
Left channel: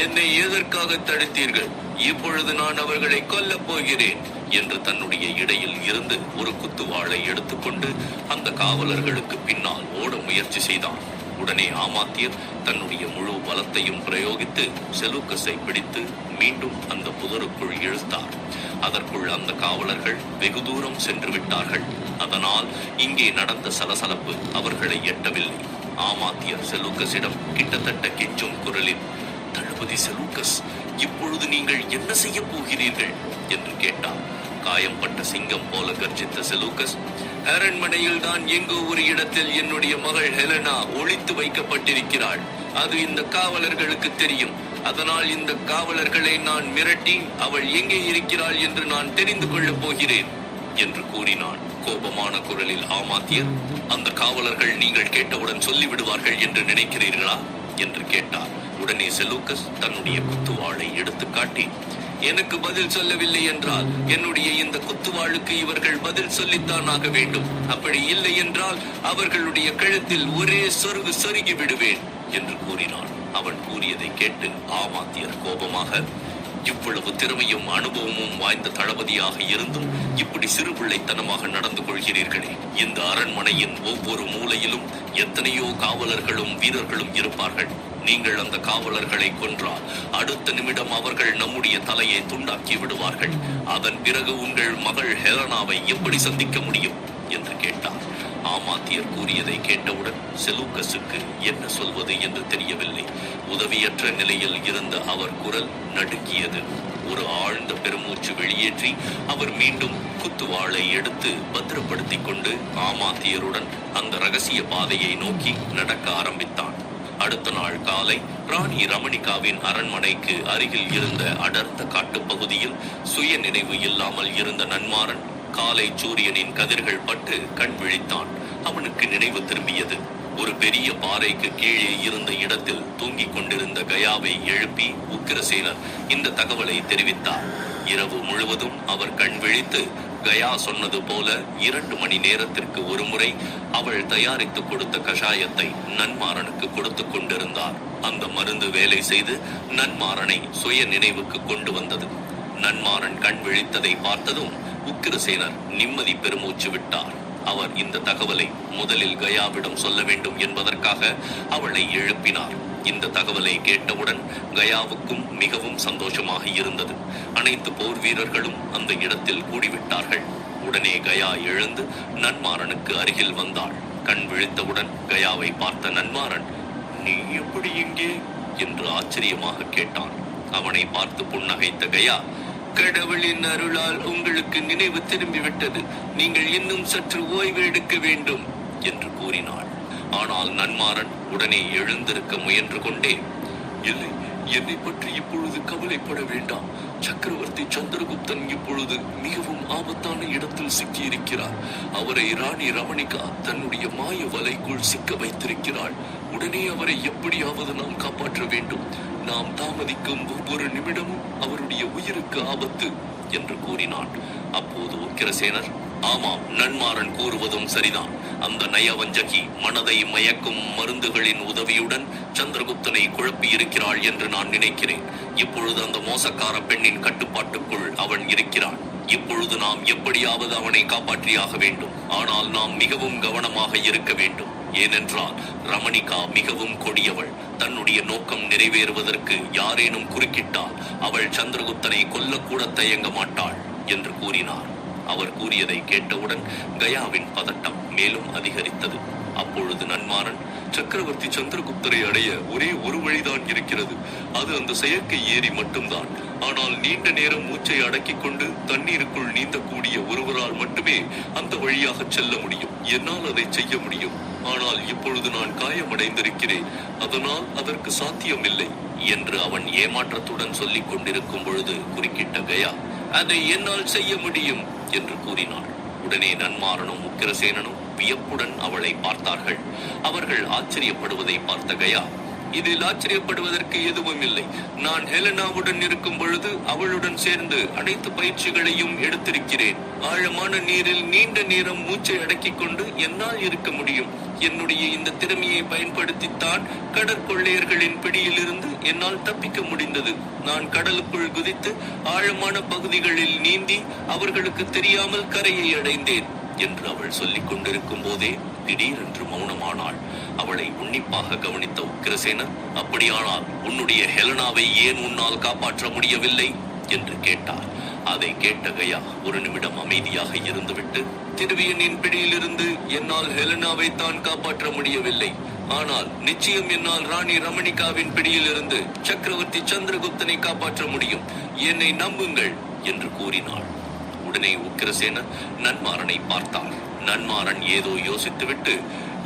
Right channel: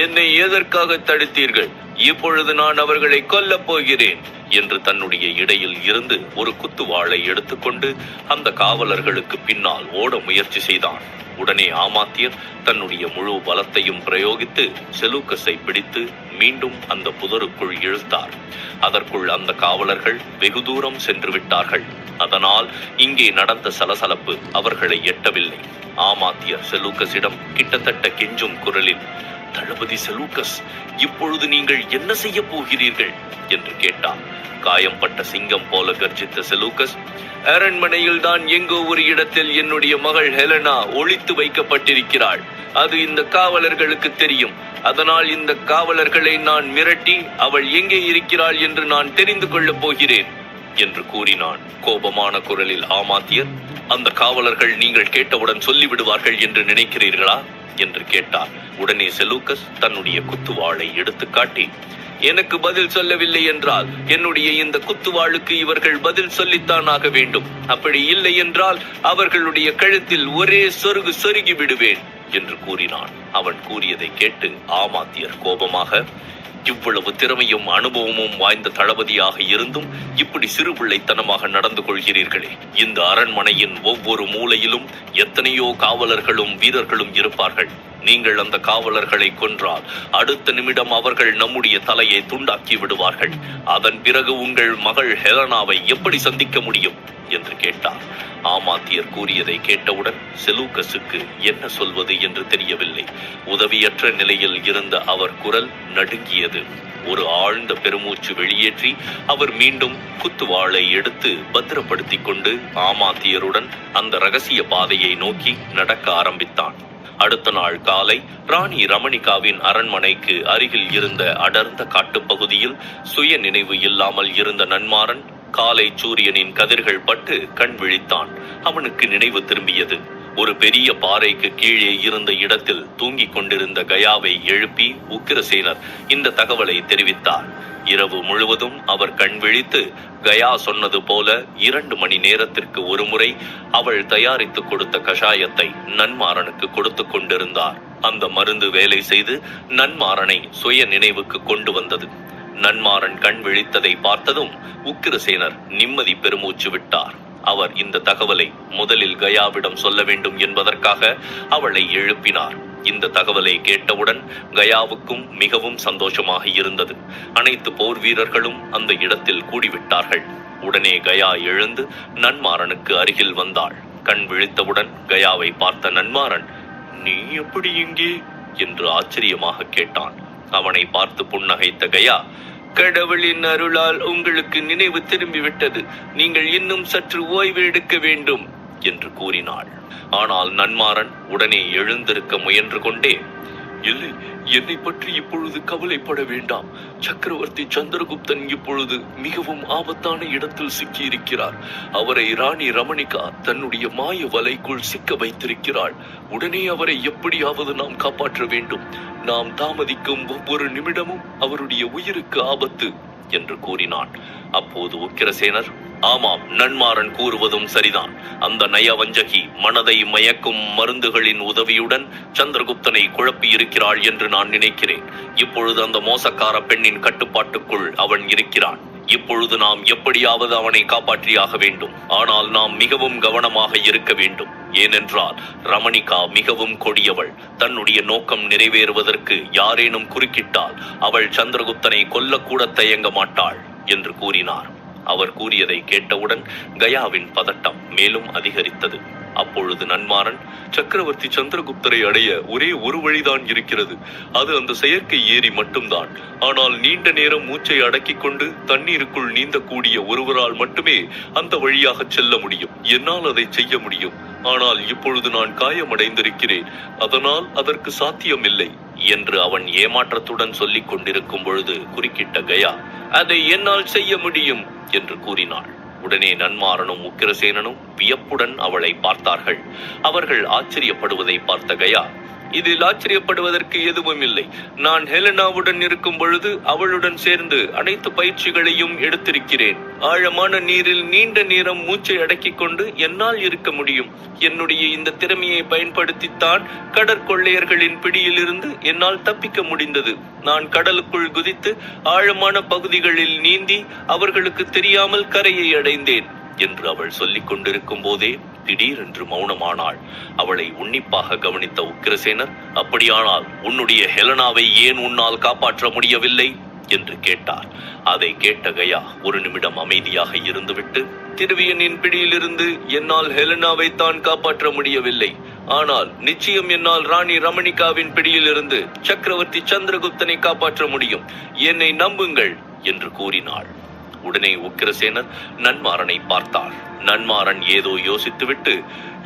என்னை எதற்காக தடுத்தீர்கள்? இப்பொழுது நான் அவர்களை கொல்லப் போகிறேன் என்று தன்னுடைய இடையில் இருந்து ஒரு குத்துவாளை எடுத்துக்கொண்டு அந்த காவலர்களுக்கு பின்னால் ஓட முயற்சி செய்தான். உடனே ஆமாத்தியர் தன்னுடைய முழு பலத்தையும் பிரயோகித்து செலூக்கஸை பிடித்து மீண்டும் அந்த புதருக்குள் இழுத்தார். அதற்குள் அந்த காவலர்கள் வெகு தூரம் சென்று விட்டார்கள். அதனால் இங்கே நடந்த சலசலப்பு அவர்களை எட்டவில்லை. ஆமாத்தியர் செலூக்கஸிடம் கிட்டத்தட்ட கெஞ்சும் குரலில், தளபதி செலூக்கஸ், இப்பொழுது நீங்கள் என்ன செய்ய போகிறீர்கள் என்று கேட்டார். காயம்பட்ட சிங்கம் போல கர்ஜித்த செலூக்கஸ், அரண்மனையில் தான் எங்கோ ஒரு இடத்தில் என்னுடைய மகள் ஹெலனா ஒளித்து வைக்கப்பட்டிருக்கிறாள். அது இந்த காவலர்களுக்கு தெரியும். அதனால் இந்த காவலர்களை நான் மிரட்டி அவள் எங்கே இருக்கிறாள் என்று நான் தெரிந்து கொள்ளப் போகிறேன் என்று கூறினான். கோபமான குரலில் ஆமாத்தியர், அந்த காவலர்கள் நீங்கள் கேட்டவுடன் சொல்லிவிடுவார்கள் என்று நினைக்கிறீர்களா என்று கேட்டார். உடனே செலூக்கஸ் தன்னுடைய குத்துவாளை எடுத்து காட்டி, எனக்கு பதில் சொல்லவில்லை என்றால் என்னுடைய இந்த குத்துவாளுக்கு இவர்கள் பதில் சொல்லித்தான் ஆக வேண்டும். அப்படி இல்லை என்றால் அவர்களுடைய கழுத்தில் ஒரே சொருகு சொருகி விடுவேன் என்று கூறினான். அவன் கூறியதை கேட்டு ஆமாத்தியர் கோபமாக, இவ்வளவு திறமையும் அனுபவமும் வாய்ந்த தளபதியாக இருந்தும் இப்படி சிறுபிள்ளைத்தனமாக நடந்து கொள்கிறீர்களே. இந்த அரண்மனையின் ஒவ்வொரு மூலையிலும் எத்தனையோ காவலர்களும் வீரர்களும் இருப்பார்கள். நீங்கள் அந்த காவலர்களை கொன்றால் அடுத்த நிமிடம் அவர்கள் நம்முடைய தலையை துண்டாக்கி விடுவார்கள். அதன் பிறகு உங்கள் மகள் ஹெலனாவை எப்படி சந்திக்க முடியும் என்று கேட்டார். ஆமாத்தியர் கூறியதை கேட்டவுடன் செலூக்கஸுக்கு என்ன சொல்வது என்று தெரியவில்லை. உதவியற்ற நிலையில் இருந்த அவர் குரல் நடுங்கியது. ஒரு ஆழ்ந்த பெருமூச்சு வெளியேற்றி அவர் மீண்டும் குத்துவாளை எடுத்து பத்திரப்படுத்தி கொண்டு ஆமாத்தியருடன் அந்த ரகசிய பாதையை நோக்கி நடக்க ஆரம்பித்தான். அடுத்த நாள் காலை ராணி ரமணிகாவின் அரண்மனைக்கு அருகில் இருந்த அடர்ந்த காட்டுப்பகுதியில் சுய நினைவு இல்லாமல் இருந்த நன்மாறன் காலை சூரியனின் கதிர்கள் பட்டு கண் விழித்தான். அவனுக்கு நினைவு திரும்பியது. ஒரு பெரிய பாறைக்கு கீழே இருந்த இடத்தில் தூங்கிக் கொண்டிருந்த கயாவை எழுப்பி உக்கிரசேனர் இந்த தகவலை தெரிவித்தார். இரவு முழுவதும் அவர் கண் விழித்து கயா சொன்னது போல 2 மணி நேரத்திற்கு ஒரு முறை அவள் தயாரித்து கொடுத்த கஷாயத்தை நன்மாறனுக்கு கொடுத்து கொண்டிருந்தார். அந்த மருந்து வேலை செய்து நன்மாறனை சுய நினைவுக்கு கொண்டு வந்தது. நன்மாறன் கண் விழித்ததை பார்த்ததும் உக்கிரசேனர் நிம்மதி பெருமூச்சு விட்டார். அவர் இந்த தகவலை முதலில் கயாவிடம் சொல்ல வேண்டும் என்பதற்காக அவளை எழுப்பினார். இந்த தகவலை கேட்டவுடன் கயாவுக்கும் மிகவும் சந்தோஷமாக இருந்தது. அனைத்து போர் வீரர்களும் அந்த இடத்தில் கூடிவிட்டார்கள். உடனே கயா எழுந்து நன்மாறனுக்கு அருகில் வந்தாள். கண் விழித்தவுடன் கயாவை பார்த்த நன்மாறன், "நீ எப்படி இங்கே?" என்று ஆச்சரியமாக கேட்டான். அவனை பார்த்து புன்னகைத்த கயா, "கடவுளின் அருளால் உங்களுக்கு நினைவு திரும்பிவிட்டது. நீங்கள் இன்னும் சற்று ஓய்வு எடுக்க வேண்டும்" என்று கூறினாள். ஆனால் நன்மாறன் உடனே எழுந்திருக்க முயன்று கொண்டே, "இல்லை, என்னை பற்றி இப்பொழுது கவலைப்பட வேண்டாம். சக்கரவர்த்தி சந்திரகுப்தன் இப்பொழுது மிகவும் ஆபத்தான இடத்தில் சிக்கியிருக்கிறார். அவரை ராணி ரமணிகா தன்னுடைய மாய வலைக்குள் சிக்க வைத்திருக்கிறாள். உடனே அவரை எப்படியாவது நாம் காப்பாற்ற வேண்டும். நாம் தாமதிக்கும் ஒவ்வொரு நிமிடமும் அவருடைய உயிருக்கு ஆபத்து" என்று கூறினான். அப்போது உக்கிரசேனர், "ஆமாம், நன்மாறன் கூறுவதும் சரிதான். அந்த நயவஞ்சகி மனதை மயக்கும் மருந்துகளின் உதவியுடன் சந்திரகுப்தனை குழப்பி இருக்கிறாள் என்று நான் நினைக்கிறேன். இப்பொழுது அந்த மோசக்கார பெண்ணின் கட்டுப்பாட்டுக்குள் அவன் இருக்கிறான். இப்பொழுது நாம் எப்படியாவது அவனை காப்பாற்றியாக வேண்டும். ஆனால் நாம் மிகவும் கவனமாக இருக்க வேண்டும். ஏனென்றால் ரமணிகா மிகவும் கொடியவள். தன்னுடைய நோக்கம் நிறைவேறுவதற்கு யாரேனும் குறுக்கிட்டால் அவள் சந்திரகுப்தனை கொல்லக்கூட தயங்க மாட்டாள்" என்று கூறினார். அவர் கூறியதை கேட்டவுடன் கயாவின் பதட்டம் மேலும் அதிகரித்தது. அப்பொழுது நன்மாறன், "சக்கரவர்த்தி சந்திரகுப்தரை அடைய ஒரே ஒரு வழிதான் இருக்கிறது. அது அந்த செயற்கை ஏரி மட்டும்தான். ஆனால் நீண்ட நேரம் மூச்சை அடக்கிக் கொண்டு தண்ணீருக்குள் நீந்தக்கூடிய ஒருவரால் மட்டுமே அந்த வழியாக செல்ல முடியும். என்னால் அதை செய்ய முடியும். ஆனால் இப்பொழுது நான் காயமடைந்திருக்கிறேன். அதனால் அதற்கு சாத்தியமில்லை" என்று அவன் ஏமாற்றத்துடன் சொல்லிக் கொண்டிருக்கும் பொழுது குறுக்கிட்ட கயா, "அதை என்னால் செய்ய முடியும்" என்று கூறினாள். உடனே நன்மாறனும் உக்கிரசேனனும் வியப்புடன் அவளை பார்த்தார்கள். அவர்கள் ஆச்சரியப்படுவதை பார்த்த கயா, "இதில் ஆச்சரியப்படுவதற்கு எதுவும் இல்லை. நான் ஹெலனாவுடன் இருக்கும் பொழுது அவளுடன் சேர்ந்து அனைத்து பயிற்சிகளையும் எடுத்திருக்கிறேன். ஆழமான நீரில் நீண்ட நேரம் மூச்சை அடக்கிக் கொண்டு என்னால் இருக்க முடியும். என்னுடைய இந்த திறமையை பயன்படுத்தித்தான் கடற்கொள்ளையர்களின் பிடியிலிருந்து என்னால் தப்பிக்க முடிந்தது. நான் கடலுக்குள் குதித்து ஆழமான பகுதிகளில் நீந்தி அவர்களுக்கு தெரியாமல் கரையை அடைந்தேன்" என்று அவள் சொல்லிக் கொண்டிருக்கும் போதே திடீரென்று மௌனமானாள். அவளை உன்னிப்பாக கவனித்த உக்கிரசேனர், "அப்படியானால் உன்னுடைய ஹெலனாவை ஏன் உன்னால் காப்பாற்ற முடியவில்லை?" என்று கேட்டார். அதை கேட்ட கயா ஒரு நிமிடம் அமைதியாக இருந்துவிட்டு, "திருவியனின் பிடியிலிருந்து என்னால் ஹெலனாவை தான் காப்பாற்ற முடியவில்லை. ஆனால் நிச்சயம் என்னால் ராணி ரமணிகாவின் பிடியிலிருந்து சக்கரவர்த்தி சந்திரகுப்தனை காப்பாற்ற முடியும். என்னை நம்புங்கள்" என்று கூறினாள். உடனே உக்கிரசேனர் நன்மாறனை பார்த்தார். நன்மாறன் ஏதோ யோசித்துவிட்டு,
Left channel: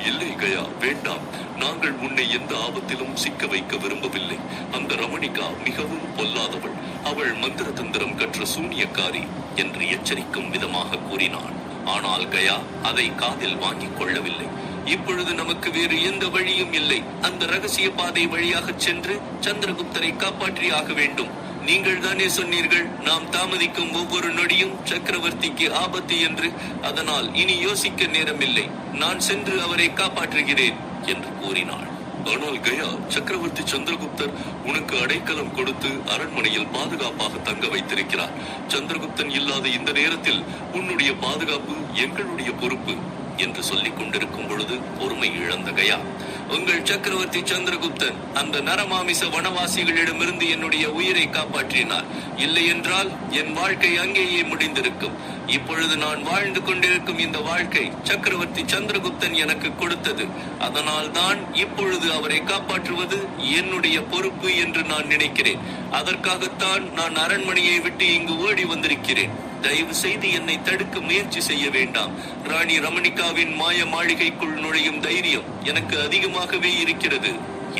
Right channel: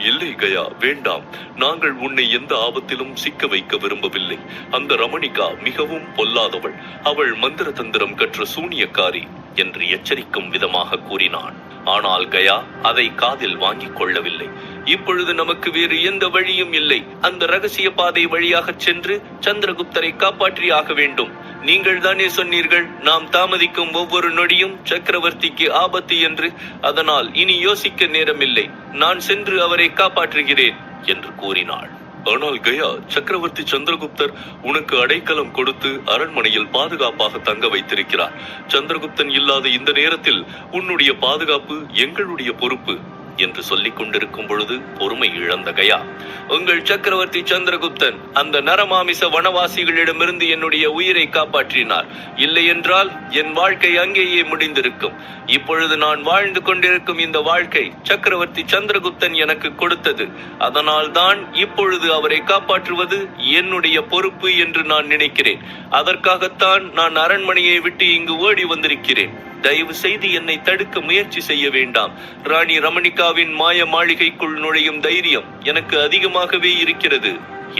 "இல்லை கயா, வேண்டாம். நாங்கள் உன்னை எந்த ஆபத்திலும் சிக்க வைக்க விரும்பவில்லை. அந்த ரமணிகா மிகவும் பொல்லாதவள். அவள் மந்திர தந்திரம் கற்ற சூனியக்காரி" என்று எச்சரிக்கும் விதமாக கூறினான். ஆனால் கயா அதை காதில் வாங்கிக் கொள்ளவில்லை. "இப்பொழுது நமக்கு வேறு எந்த வழியும் இல்லை. அந்த ரகசிய பாதை வழியாக சென்று சந்திரகுப்தரை காப்பாற்றியாக வேண்டும். நீங்கள் தானே சொன்னீர்கள், நாம் தாமதிக்கும் ஒவ்வொரு நொடியும் சக்கரவர்த்திக்கு ஆபத்து என்று. அதனால் இனி யோசிக்க நேரமில்லை. நான் சென்று அவரை காப்பாற்றுகிறேன்" என்று கூறினாள். "ஆனால் கயா, சக்கரவர்த்தி சந்திரகுப்தர் உனக்கு அடைக்கலம் கொடுத்து அரண்மனையில் பாதுகாப்பாக தங்க வைத்திருக்கிறார். சந்திரகுப்தன் இல்லாத இந்த நேரத்தில் உன்னுடைய பாதுகாப்பு எங்களுடைய பொறுப்பு" என்று சொல்லிக் கொண்டிருக்கும் பொழுது பொறுமை இழந்த கயா, "உங்கள் சக்கரவர்த்தி சந்திரகுப்தன் அந்த நரமாமிச வனவாசிகளிடமிருந்து என்னுடைய உயிரை காப்பாற்றினார். இல்லை என்றால் என் வாழ்க்கை அங்கேயே முடிந்திருக்கும். இப்பொழுது நான் வாழ்ந்து கொண்டிருக்கும் இந்த வாழ்க்கை சக்கரவர்த்தி சந்திரகுப்தன் எனக்கு கொடுத்தது. அதனால் தான் இப்பொழுது அவரை காப்பாற்றுவது என்னுடைய பொறுப்பு என்று நான் நினைக்கிறேன். அதற்காகத்தான் நான் அரண்மனையை விட்டு இங்கு ஓடி வந்திருக்கிறேன். தயவு செய்து என்னை தடுக்க முயற்சி செய்ய வேண்டாம். ராணி ரமணிகாவின் மாய மாளிகைக்குள் நுழையும் தைரியம் எனக்கு அதிகமாகவே இருக்கிறது"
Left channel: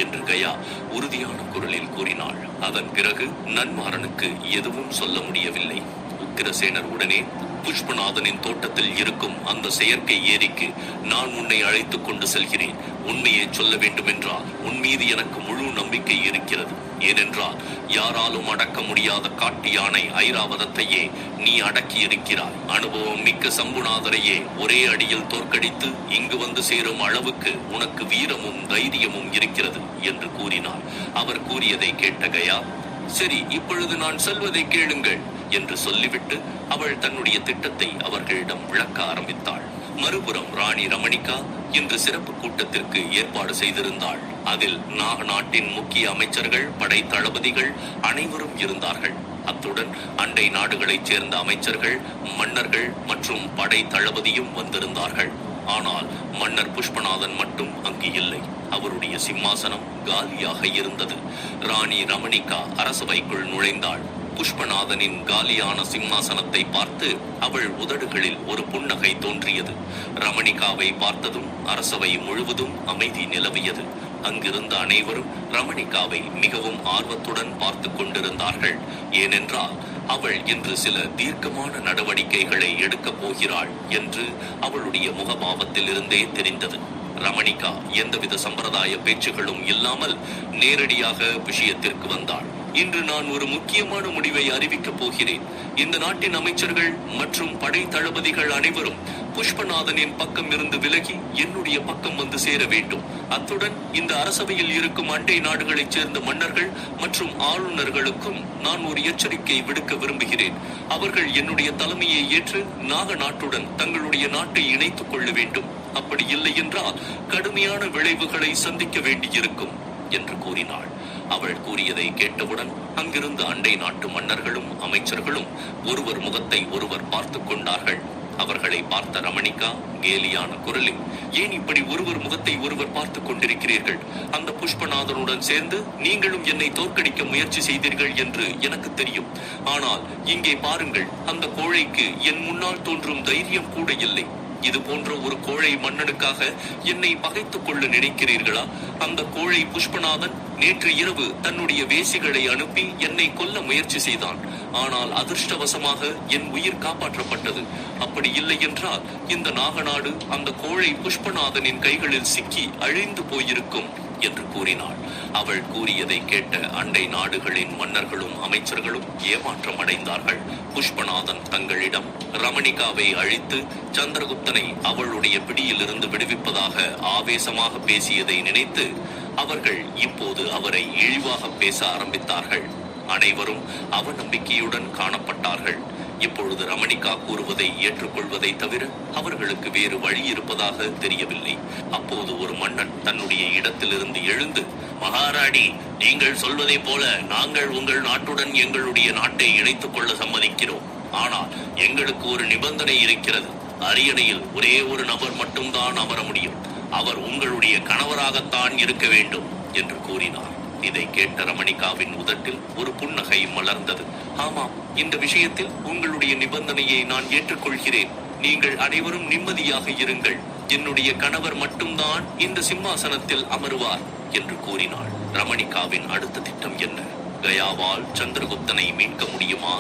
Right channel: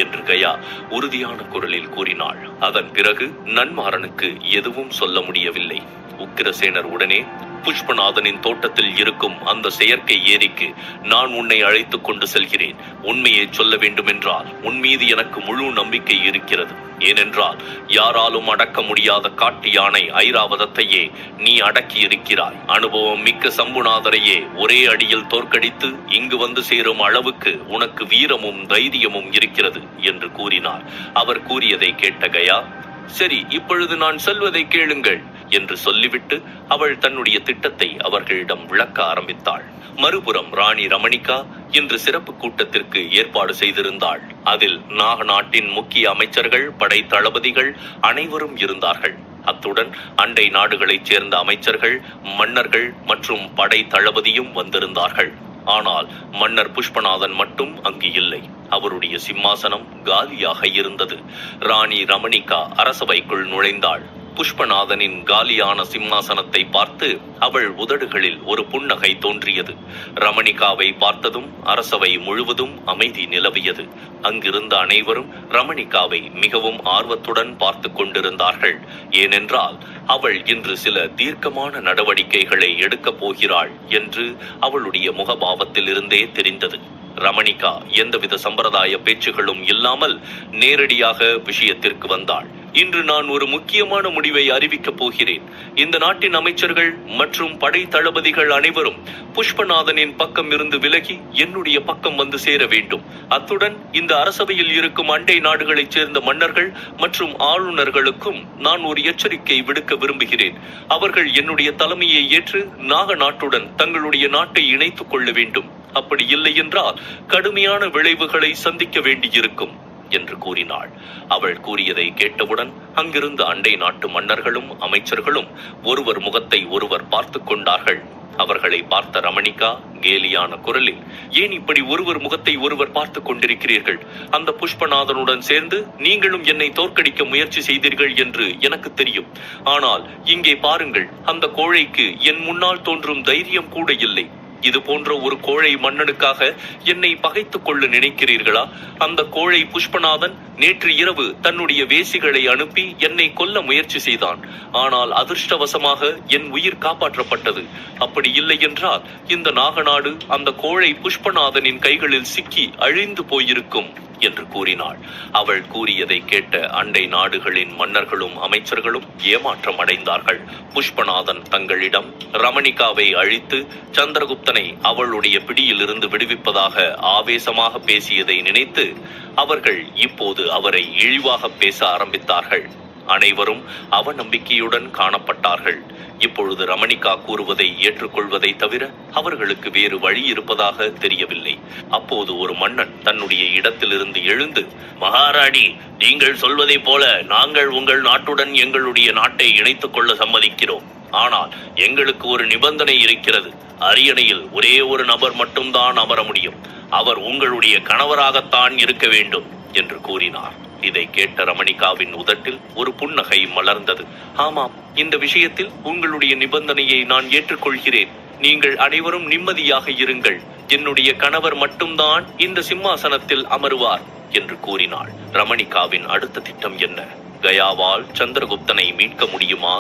என்று கயா உறுதியான குரலில் கூறினாள். அதன் பிறகு நன்மாறனுக்கு எதுவும் சொல்ல முடியவில்லை. உக்கிரசேனர் உடனே, புஷ்பநாதனின் தோட்டத்தில் இருக்கும் அந்த செயற்கை ஏரிக்கு நான் உன்னை அழைத்துக் கொண்டு செல்கிறேன். உண்மையை சொல்ல வேண்டுமென்றால் உன் மீது எனக்கு முழு நம்பிக்கை இருக்கிறது. ஏனென்றால் யாராலும் அடக்க முடியாத காட்டு யானை ஐராவதத்தையே நீ அடக்கி இருக்கிறாய். அனுபவம் மிக்க சம்புநாதரையே ஒரே அடியில் தோற்கடித்து இங்கு வந்து சேரும் அளவுக்கு உனக்கு வீரமும் தைரியமும் இருக்கிறது என்று கூறினார். அவர் கூறியதை கேட்ட கயா, சரி, இப்பொழுது நான் சொல்வதை கேளுங்கள் என்று சொல்லிவிட்டு அவள் தன்னுடைய திட்டத்தை அவர்களிடம் விளக்க ஆரம்பித்தாள். மறுபுறம் ராணி ரமணிகா இன்று சிறப்பு கூட்டத்திற்கு ஏற்பாடு செய்திருந்தாள். அதில் நாக நாட்டின் முக்கிய அமைச்சர்கள், படை தளபதிகள் அனைவரும் இருந்தார்கள். அத்துடன் அண்டை நாடுகளைச் சேர்ந்த அமைச்சர்கள், மன்னர்கள் மற்றும் படை தளபதியும் வந்திருந்தார்கள். ஆனால் மன்னர் புஷ்பநாதன் மட்டும் அங்கு இல்லை. அவருடைய சிம்மாசனம் காலியாக இருந்தது. ராணி ரமணிகா அரசவைக்குள் நுழைந்தாள். புஷ்பநாதனின் காலியான சிம்மாசனத்தை பார்த்து அவள் உதடுகளில் ஒரு புன்னகை தோன்றியது. ரமணிகாவை பார்த்ததும் அரசவை முழுவதும் அமைதி நிலவியது. அங்கிருந்த அனைவரும் ரமணிகாவை மிகவும் ஆர்வத்துடன் பார்த்து கொண்டிருந்தார்கள். ஏனென்றால் அவள் இன்று சில தீர்க்கமான நடவடிக்கைகளை எடுக்கப் போகிறாள் என்று அவளுடைய முகபாவத்தில் இருந்தே தெரிந்தது. ரமணிகா எந்தவித சம்பிரதாய பேச்சுகளும் இல்லாமல் நேரடியாக விஷயத்திற்கு வந்தாள். இன்று நான் ஒரு முக்கியமான முடிவை அறிவிக்கப் போகிறேன். இந்த நாட்டின் அமைச்சர்கள் மற்றும் படை தளபதிகள் அனைவரும் புஷ்பநாதனின் பக்கம் இருந்து விலகி என்னுடைய பக்கம் வந்து சேர வேண்டும். அத்துடன் இந்த அரசவையில் இருக்கும் அண்டை நாடுகளைச் சேர்ந்த மன்னர்கள் மற்றும் ஆளுநர்களுக்கும் நான் ஒரு எச்சரிக்கை விடுக்க விரும்புகிறேன். அவர்கள் என்னுடைய தலைமையை ஏற்று நாக நாட்டுடன் தங்களுடைய நாட்டை இணைத்துக் கொள்ள வேண்டும். அப்படி இல்லை என்றால் கடுமையான விளைவுகளை சந்திக்க வேண்டியிருக்கும் என்று கூறினாள். அவள் கூறியதை கேட்டவுடன் அங்கிருந்த அண்டை நாட்டு மன்னர்களும் அமைச்சர்களும் ஒருவர் முகத்தை ஒருவர் பார்த்து கொண்டார்கள். அவர்களை பார்த்த ரமணிகா கேலியான குரலில், ஏன் இப்படி ஒருவர் முகத்தை ஒருவர் பார்த்து கொண்டிருக்கிறீர்கள்? அந்த புஷ்பநாதனுடன் சேர்ந்து நீங்களும் என்னை தோற்கடிக்க முயற்சி செய்தீர்கள் என்று எனக்கு தெரியும். ஆனால் இங்கே பாருங்கள், அந்த கோழைக்கு என் முன்னால் தோன்றும் தைரியம் கூட இல்லை. இது போன்ற ஒரு கோழை மன்னனுக்காக என்னை பகைத்துக் கொள்ள நினைக்கிறீர்களா? அந்த கோழை புஷ்பநாதன் நேற்று இரவு தன்னுடைய வேசிகளை அனுப்பி என்னை கொல்ல முயற்சி செய்தான். ஆனால் அதிர்ஷ்டவசமாக என் உயிர் காப்பாற்றப்பட்டது. அப்படி இல்லை என்றால் இந்த நாகநாடு அந்த கோழை புஷ்பநாதனின் கைகளில் சிக்கி அழிந்து போயிருக்கும் என்று கூறினாள். அவள் கூறியதை கேட்ட அண்டை நாடுகளின் மன்னர்களும் அமைச்சர்களும் ஏமாற்றம் அடைந்தார்கள். புஷ்பநாதன் தங்களிடம் ரமணிகாவை அழித்து சந்திரகுப்தனை அவளுடைய பிடியில் இருந்து விடுவிப்பதாக ஆவேசமாக பேசியதை நினைத்து அவர்கள் இப்போது அவரை இழிவாக பேச ஆரம்பித்தார்கள். அனைவரும் அவநம்பிக்கையுடன் காணப்பட்டார்கள். இப்பொழுது ரமணிகா கூறுவதை ஏற்றுக்கொள்வதை தவிர அவர்களுக்கு வேறு வழி இருப்பதாக தெரியவில்லை. அப்போது ஒரு மன்னன் தன்னுடைய இடத்திலிருந்து எழுந்து, மகாராணி, நீங்கள் சொல்வதை போல நாங்கள் உங்கள் நாட்டுடன் எங்களுடைய நாட்டை இணைத்துக் கொள்ள சம்மதிக்கிறோம். ஆனால் எங்களுக்கு ஒரு நிபந்தனை இருக்கிறது. அரியணையில் ஒரே ஒரு நபர் மட்டும்தான் அமர முடியும். அவர் உங்களுடைய கணவராகத்தான் இருக்க வேண்டும் என்று கூறினார். இதை கேட்ட ரமணிகாவின் உதட்டில் ஒரு புன்னகை மலர்ந்தது. ஆமாம், இந்த விஷயத்தில் உங்களுடைய நிபந்தனையை நான் ஏற்றுக்கொள்கிறேன். நீங்கள் அனைவரும் நிம்மதியாக இருங்கள். என்னுடைய கணவர் மட்டும்தான் இந்த சிம்மாசனத்தில் அமருவார் என்று கூறினாள். ரமணிகாவின் அடுத்த திட்டம் என்ன? கயாவால் சந்திரகுப்தனை மீட்க முடியுமா?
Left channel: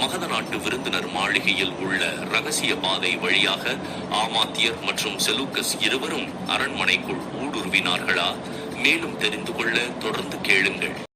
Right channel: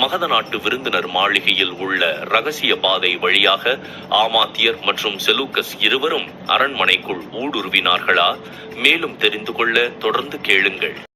மகத நாட்டு விருந்தினர் மாளிகையில் உள்ள ரகசிய பாதை வழியாக ஆமாத்தியர் மற்றும் செலூக்கஸ் இருவரும் அரண்மனைக்குள் ஊடுருவினார்களா? மேலும் தெரிந்து கொள்ள தொடர்ந்து கேளுங்கள்.